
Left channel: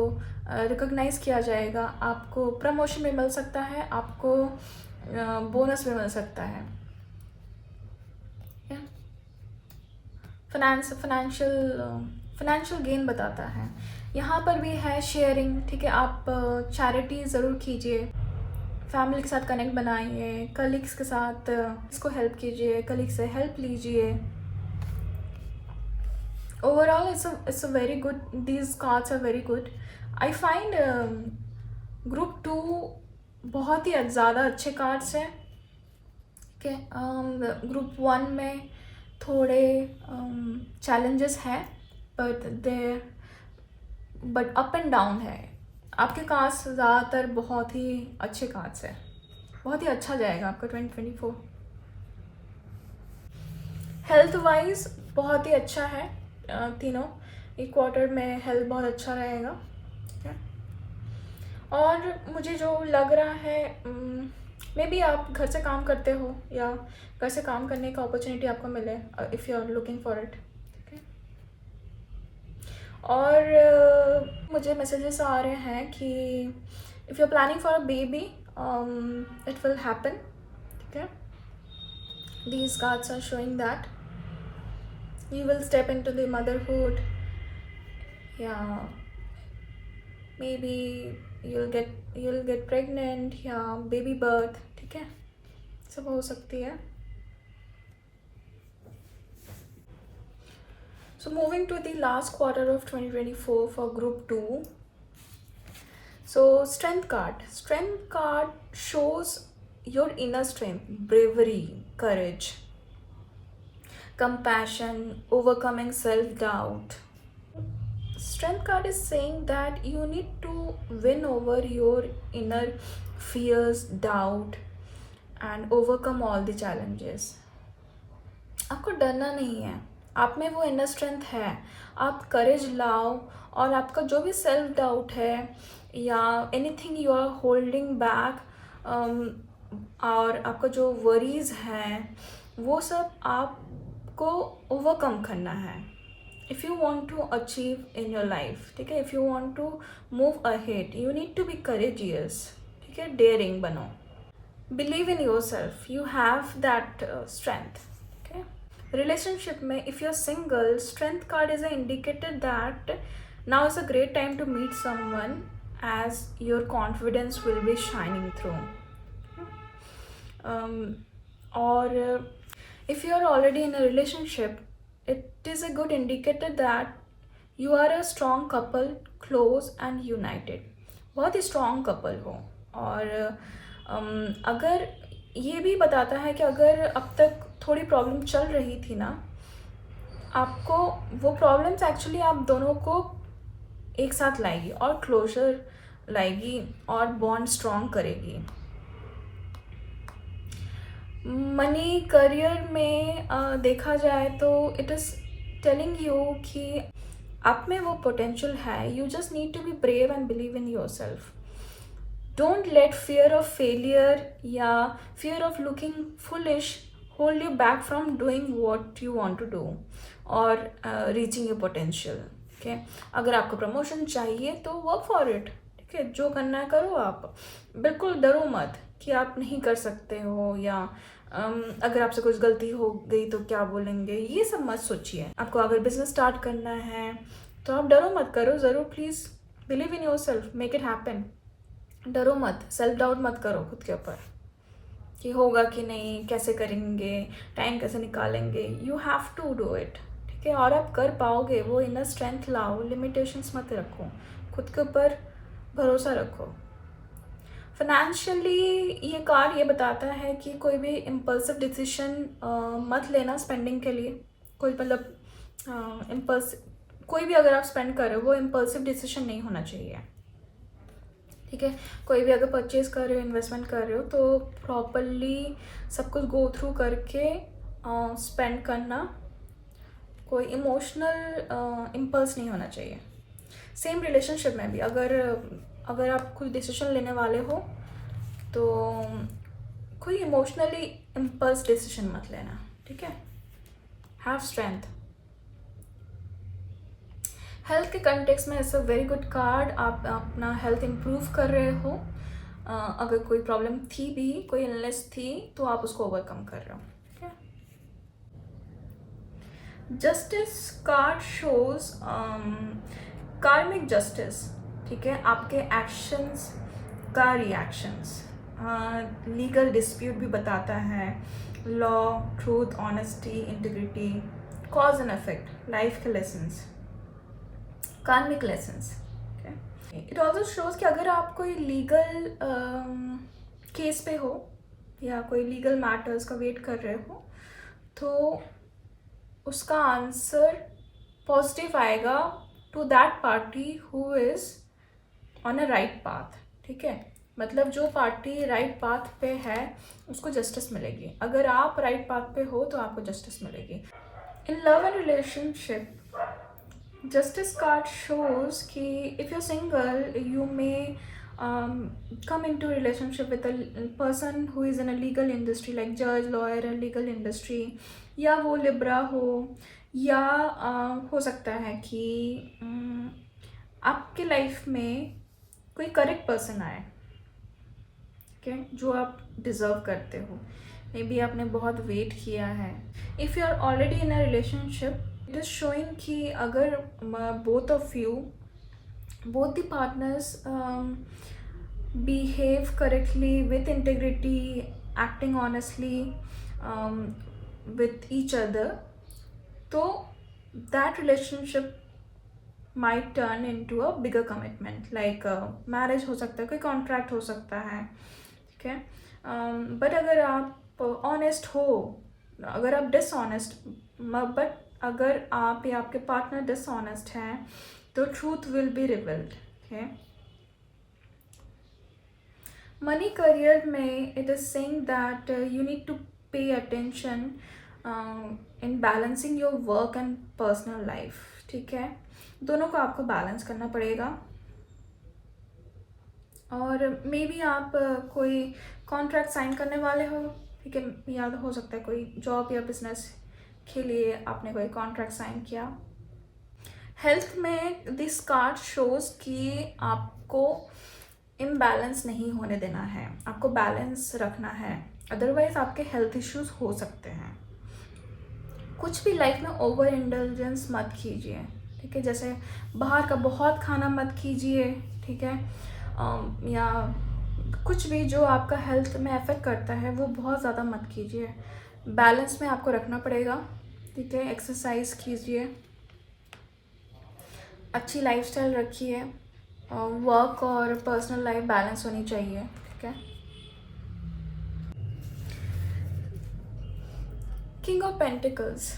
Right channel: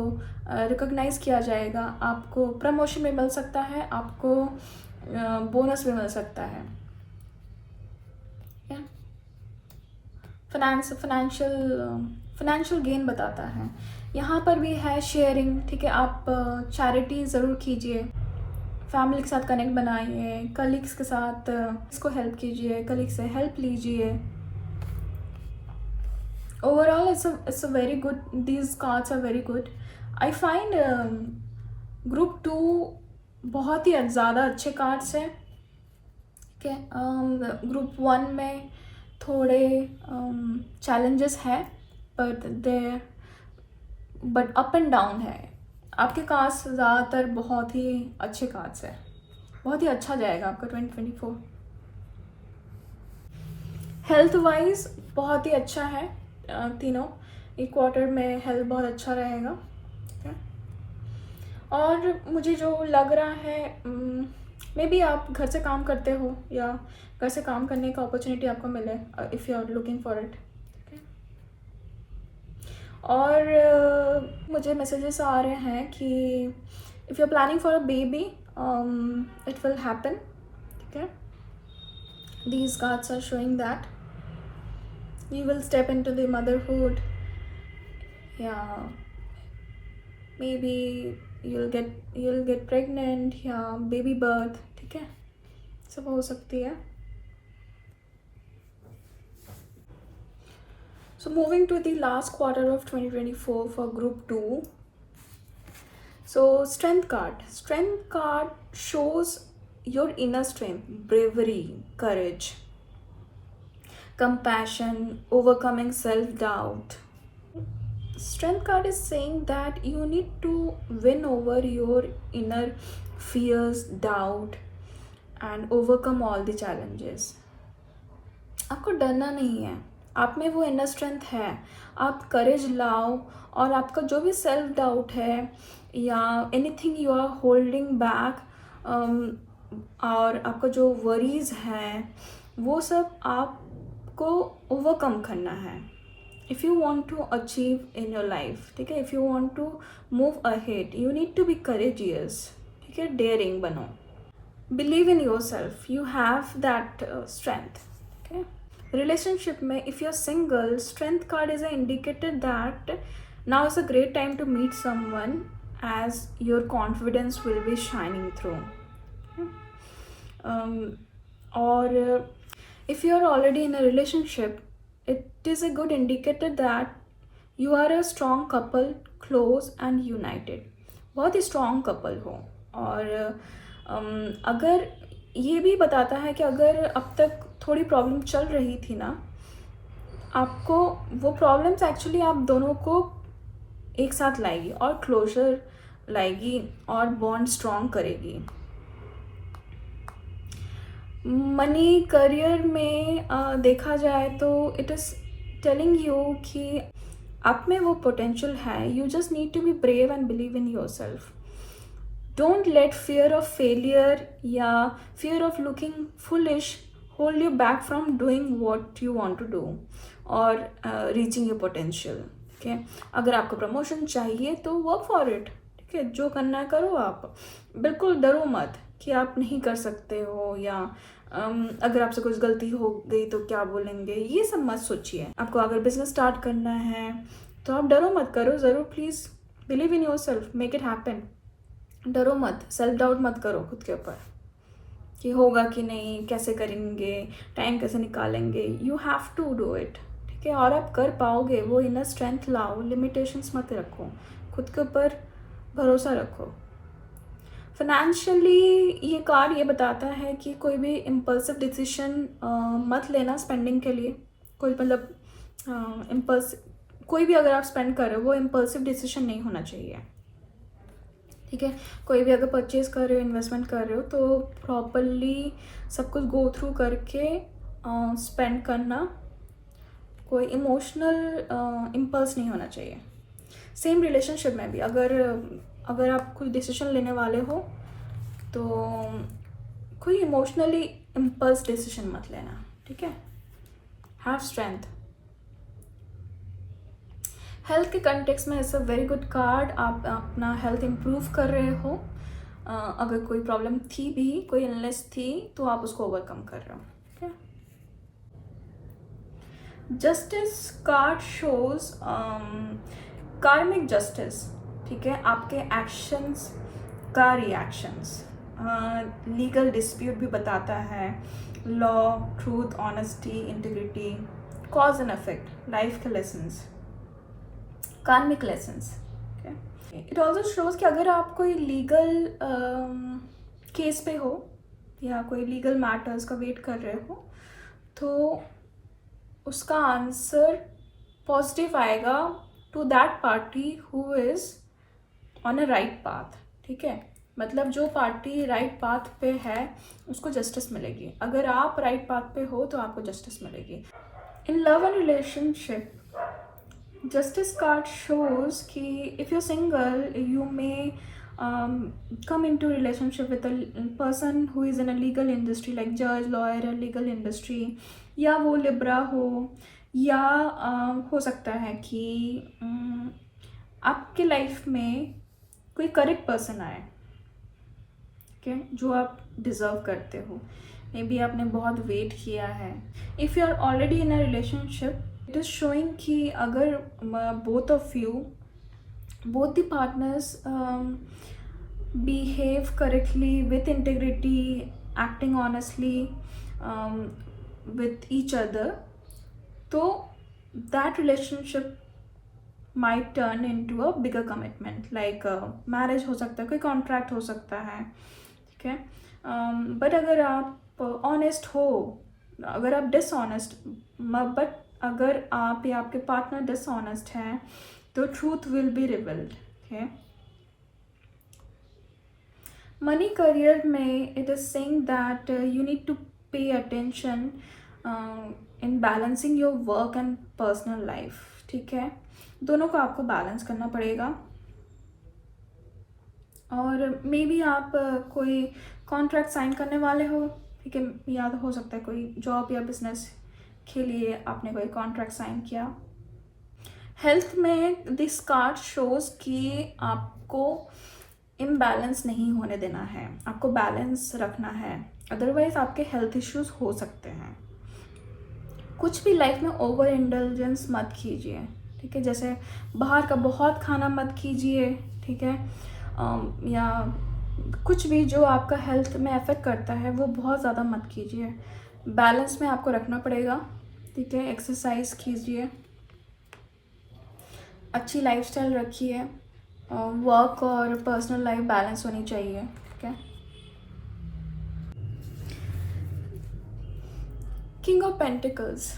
रिकॉग्नाइज किया जाएगा, आपको प्रमोशन भी मिल सकता है, आपको बोनस भी मिल सकता है. फाइनेंशियल गेन बताता है. यहाँ पर भी है शेयरिंग. ठीक है, आप चैरिटी ज़रूर कीजिए, फैमिली के साथ कनेक्ट बनाइए, कलीग्स के साथ इसको हेल्प कीजिए, कलीग से हेल्प लीजिए. Overall, it's a very good. These cards are very good. I find Group 2 बहुत ही ज़्यादा अच्छे कार्ड्स हैं. ठीक है, Group 1 में थोड़े चैलेंजेस हैं, बट अप एंड डाउन है. आपके कार्ड्स ज़्यादातर बहुत ही अच्छे कार्ड्स हैं, बहुत ही अच्छा जाएगा आपका 2024. हेल्थ वाइज बहुत ही अच्छा है. तीनों एक क्वार्टर में हेल्थ बहुत अच्छा रहेगा. ठीक है, और मुझे जो लग रहा है, मे बी आप घर से काम करते हो या घर से काम करने का अपॉर्चुनिटी आपको मिले, if you are looking for it. और मुझे मैसेजेस आ रहे हैं कि if you are planning for a baby, it will happen. ठीक है, these cards are showing that you will step into the motherhood. Yeah, maybe you'll get pregnant या baby birth. ठीक है, सब हो सकती है. So moving to the last quarter of 2024 for Group 2. So Strength card shows your inner strength, bravery, courage, compassion, overcoming self-doubt. Strength card is saying that you need to win over your inner fears, doubt and overcome all the challenges. आपको डरना नहीं है, आप में वो इनर स्ट्रेंथ है. आप करेज लाओ और आपका जो भी सेल्फ डाउट है या anything you are holding back, और आपका जो वरीज हैं वो सब आपको ओवरकम करना है। If you want to achieve in your life, ठीक है, if you want to move ahead, you need to be courageous, ठीक है, डेयरिंग बनो, believe in your self, you have that strength. Okay, relationship में if you are single, strength card is a indicator that now is a great time to meet someone as your confidence will be shining through. Or if you are already in a relationship, it is a good indicator that you are a strong couple, close and united. बहुत ही strong couple हो। और अगर ये भी बताता है कि अगर अब तक थोड़ी प्रॉब्लम चल रही थी ना, आपको वो प्रॉब्लम्स एक्चुअली आप दोनों को एक साथ लाएगी और क्लोजर लाएगी और बॉन्ड स्ट्रॉन्ग करेगी। मनी करियर में देखा जाए तो इट इज़ टेलिंग यू कि आप में वो पोटेंशियल है, you just need to be brave and believe in your self. Don't let fear of failure या fear of looking foolish hold you back from doing what you want to do और रीचिंग योर पोटेंशियल। ठीक है, अगर आपको प्रमोशन चाहिए तो वर्क फॉर इट, ठीक है, जो करना है करो। आप बिल्कुल डरो मत कि आप नहीं कर सकते हो या अगर आपसे कुछ गलती हो गई तो क्या बोलेंगे, ये सब मत सोचिए। आपको अगर बिजनेस स्टार्ट करना है तो आप डरो मत, करो ज़रूर, please believe in your self, make it happen. डरो मत, सेल्फ डाउट मत करो खुद के ऊपर कि होगा कि नहीं, कैसे करेंगे, टाइम कैसे निकालेंगे। You have to do it, ठीक है, और आप कर पाओगे। वो इनर स्ट्रेंथ लाओ, लिमिटेशंस मत रखो, खुद के ऊपर भरोसा रखो। फाइनेंशियली ये कार्ड ये बताता है कि कोई भी इम्पल्सिव डिसीजन मत लेना स्पेंडिंग के लिए। कोई मतलब कोई भी अगर आप स्पेंड कर रहे हो वो इम्पल्सिव डिसीजन नहीं होना चाहिए, ठीक है। कोई भी अगर परचेज कर रहे हो, इन्वेस्टमेंट कर रहे हो तो प्रॉपरली सब कुछ गो थ्रू करके स्पेंड करना। कोई इमोशनल इम्पल्स नहीं होना चाहिए। सेम रिलेशनशिप में भी अगर आप कोई डिसीजन लेने वाले हो तो कोई इमोशनली इम्पल्स डिसीजन मत लेना, ठीक है। Have strength. हेल्थ के कंटेक्स्ट में it's a very good card. आप अपना हेल्थ इम्प्रूव कर रहे हो। अगर कोई प्रॉब्लम थी भी, कोई इलनेस थी, तो आप उसको ओवरकम कर रहे हो, ठीक है। जस्टिस कार्ड शोज कार्मिक जस्टिस, ठीक है, आपके एक्शंस का रिएक्शंस। लीगल डिस्प्यूट भी बताता है, law, truth, honesty, integrity, cause and effect, life के लेसन्स, कार्मिक लेसन्स। इट ऑल्सो शोज कि अगर आप कोई लीगल केस पे हो या कोई लीगल मैटर्स का वेट कर रहे हो तो उसका आंसर पॉजिटिव आएगा to that party who is on a right path, ठीक है। मतलब जो पार्टी राइट पाथ पे है उसको जस्टिस मिलेगी। अगर आप राइट पाथ पे हो तो आपको जस्टिस मिलेगी। In love and relationship Justice card shows कि if you're single, you may come into relationship with a person who is in a legal industry like judge, lawyer, or legal industry, या वो लिब्रा हो या हो सकता है कि आपके लाइफ में कोई करेक्ट पर्सन आए, ठीक है, जो आप डिज़र्व करते हो। मे बी आपने बहुत वेट किया है। If you are already in a relationship, it is showing कि अगर both of you, both the partners behave correctly with integrity, acting honestly with each other, तो that relationship might turn into a bigger commitment, like marriage हो सकता है, कोई contract हो सकता है, ठीक है। but अगर आप honest हो, अगर आप dishonest, but अगर आप या आपके पार्टनर डिसऑनेस्ट हैं तो ट्रूथ विल बी रिवील्ड, है। मनी करियर में it is saying that you need to pay attention in balancing your work and personal life, ठीक है। दोनों को आपको बैलेंस करना पड़ेगा। और मे बी आप कोई कॉन्ट्रैक्ट साइन करने वाले हो, ठीक है, याद हो सकता है कोई जॉब या बिजनेस के लिए आपने कोई कॉन्ट्रैक्ट साइन किया। हेल्थ में दिस कार्ड शोज कि आपको इम्बैलेंस नहीं होने देना है, आपको बैलेंस रखना है, अदरवाइज आपके हेल्थ इश्यूज हो सकते हैं। कुछ भी लाइफ में ओवर इंडल्जेंस मत कीजिए, ठीक है, जैसे बाहर का बहुत खाना मत कीजिए, ठीक है, या कुछ भी जो आपका हेल्थ में अफेक्ट करता है वो बहुत ज़्यादा मत कीजिए। बैलेंस में आपको रखना पड़ेगा, ठीक है, एक्सरसाइज कीजिए, अच्छी लाइफस्टाइल रखिए, वर्क और पर्सनल लाइफ बैलेंस होनी चाहिए, ठीक है। King of pentacles,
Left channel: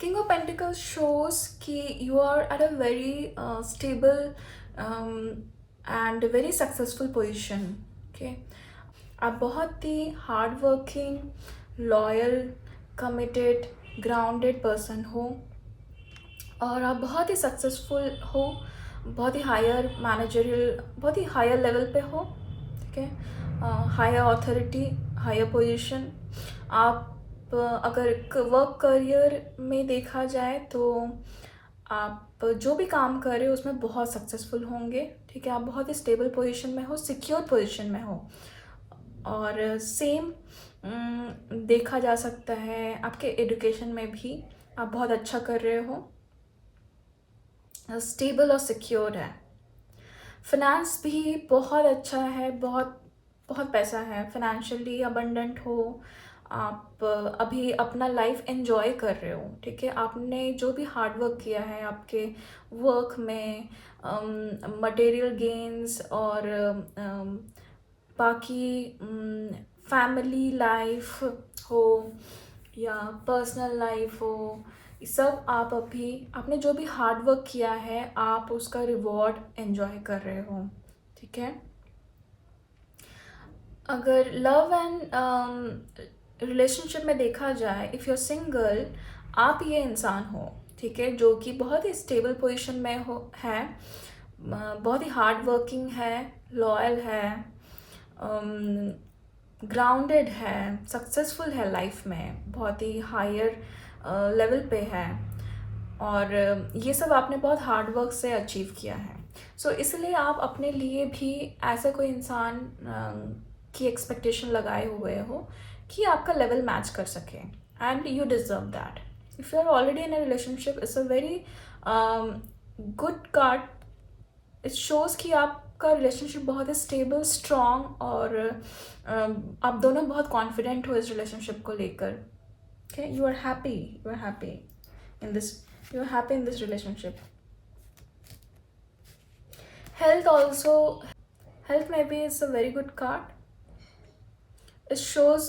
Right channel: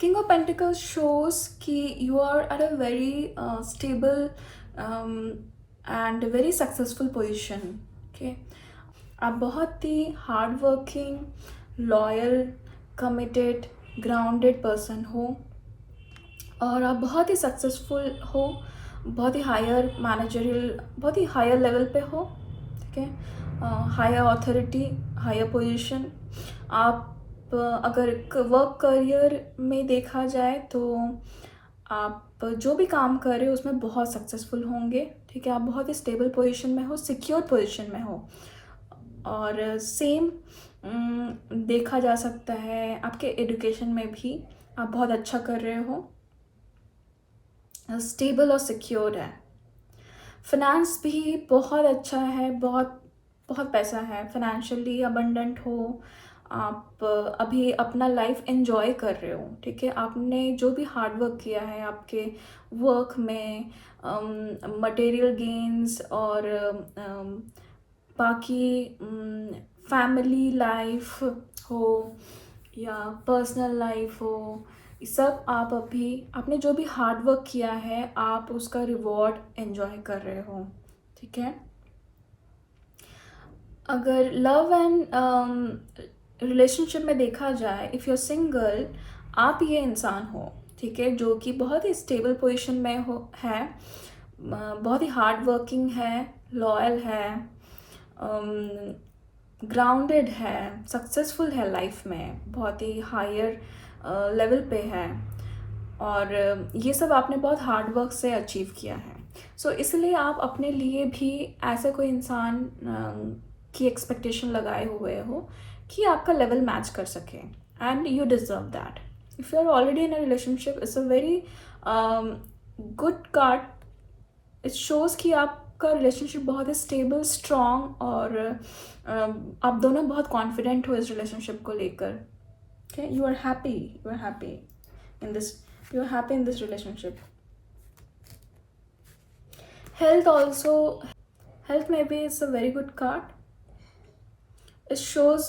king of pentacles shows कि you are at a very stable and very successful position, okay. आप बहुत ही hard working, loyal, committed, grounded person हो और आप बहुत ही सक्सेसफुल हो, बहुत ही हायर मैनेजरियल, बहुत ही हायर लेवल पे हो, ठीक है, हायर अथॉरिटी, हायर पोजीशन। आप अगर वर्क करियर में देखा जाए तो आप जो भी काम कर रहे हो उसमें बहुत सक्सेसफुल होंगे, ठीक है, आप बहुत ही स्टेबल पोजीशन में हो, सिक्योर पोजीशन में हो। और सेम देखा जा सकता है आपके एजुकेशन में भी, आप बहुत अच्छा कर रहे हो, स्टेबल और सिक्योर है। फिनेंस भी बहुत अच्छा है, बहुत बहुत पैसा है, फाइनेंशियली अबंडेंट हो, आप अभी अपना लाइफ एंजॉय कर रहे हो, ठीक है, आपने जो भी हार्ड वर्क किया है आपके वर्क में, मटेरियल गेन्स और बाकी फैमिली लाइफ हो या पर्सनल लाइफ हो, ये सब आप अभी आपने जो भी हार्ड वर्क किया है आप उसका रिवॉर्ड एंजॉय कर रहे हो, ठीक है। अगर लव एंड रिलेशनशिप में देखा जाए, इफ़ यू आर सिंगल, आप ये इंसान हो, ठीक है, जो कि बहुत ही स्टेबल पोजीशन में हो है, बहुत ही हार्ड वर्किंग है, लॉयल है, ग्राउंडेड है, सक्सेसफुल है लाइफ में, बहुत ही हायर लेवल पे है और ये सब आपने बहुत हार्ड वर्क से अचीव किया है। सो इसलिए आप अपने लिए भी ऐसा कोई इंसान की एक्सपेक्टेशन लगाए हुए हो कि आपका लेवल मैच कर सके and you deserve that. If you are already in a relationship, it's a very good card. It shows कि आपका रिलेशनशिप बहुत ही स्टेबल, स्ट्रॉन्ग और आप दोनों बहुत कॉन्फिडेंट हो इस रिलेशनशिप को लेकर, okay, you are happy in this, you are happy in this relationship. Health also, health maybe is a very good card. It shows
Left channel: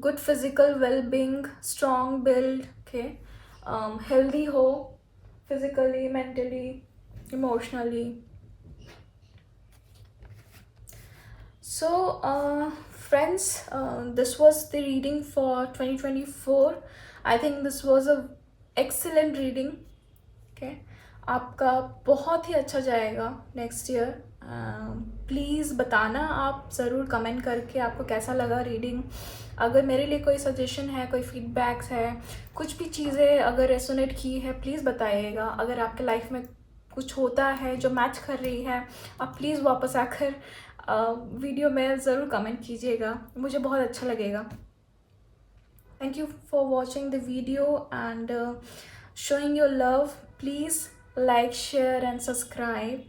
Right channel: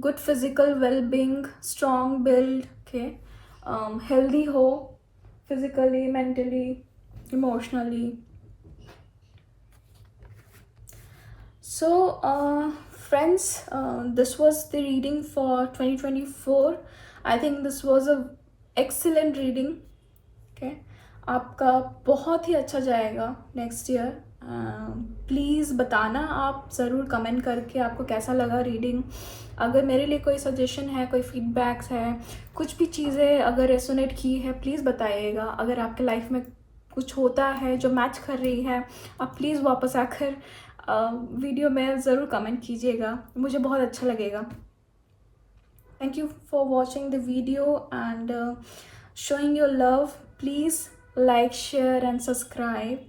good physical well-being, strong build, okay, healthy ho physically, mentally, emotionally. So friends, this was the reading for 2024. I think this was a excellent reading, okay. आपका बहुत ही अच्छा जाएगा नेक्स्ट ईयर। प्लीज़ बताना आप ज़रूर कमेंट करके आपको कैसा लगा रीडिंग। अगर मेरे लिए कोई सजेशन है, कोई फीडबैक्स है, कुछ भी चीज़ें अगर रेसोनेट की है प्लीज़ बताइएगा। अगर आपके लाइफ में कुछ होता है जो मैच कर रही है, आप प्लीज़ वापस आकर वीडियो में ज़रूर कमेंट कीजिएगा, मुझे बहुत अच्छा लगेगा। Thank you for watching the video and showing your love. Please like, share and subscribe.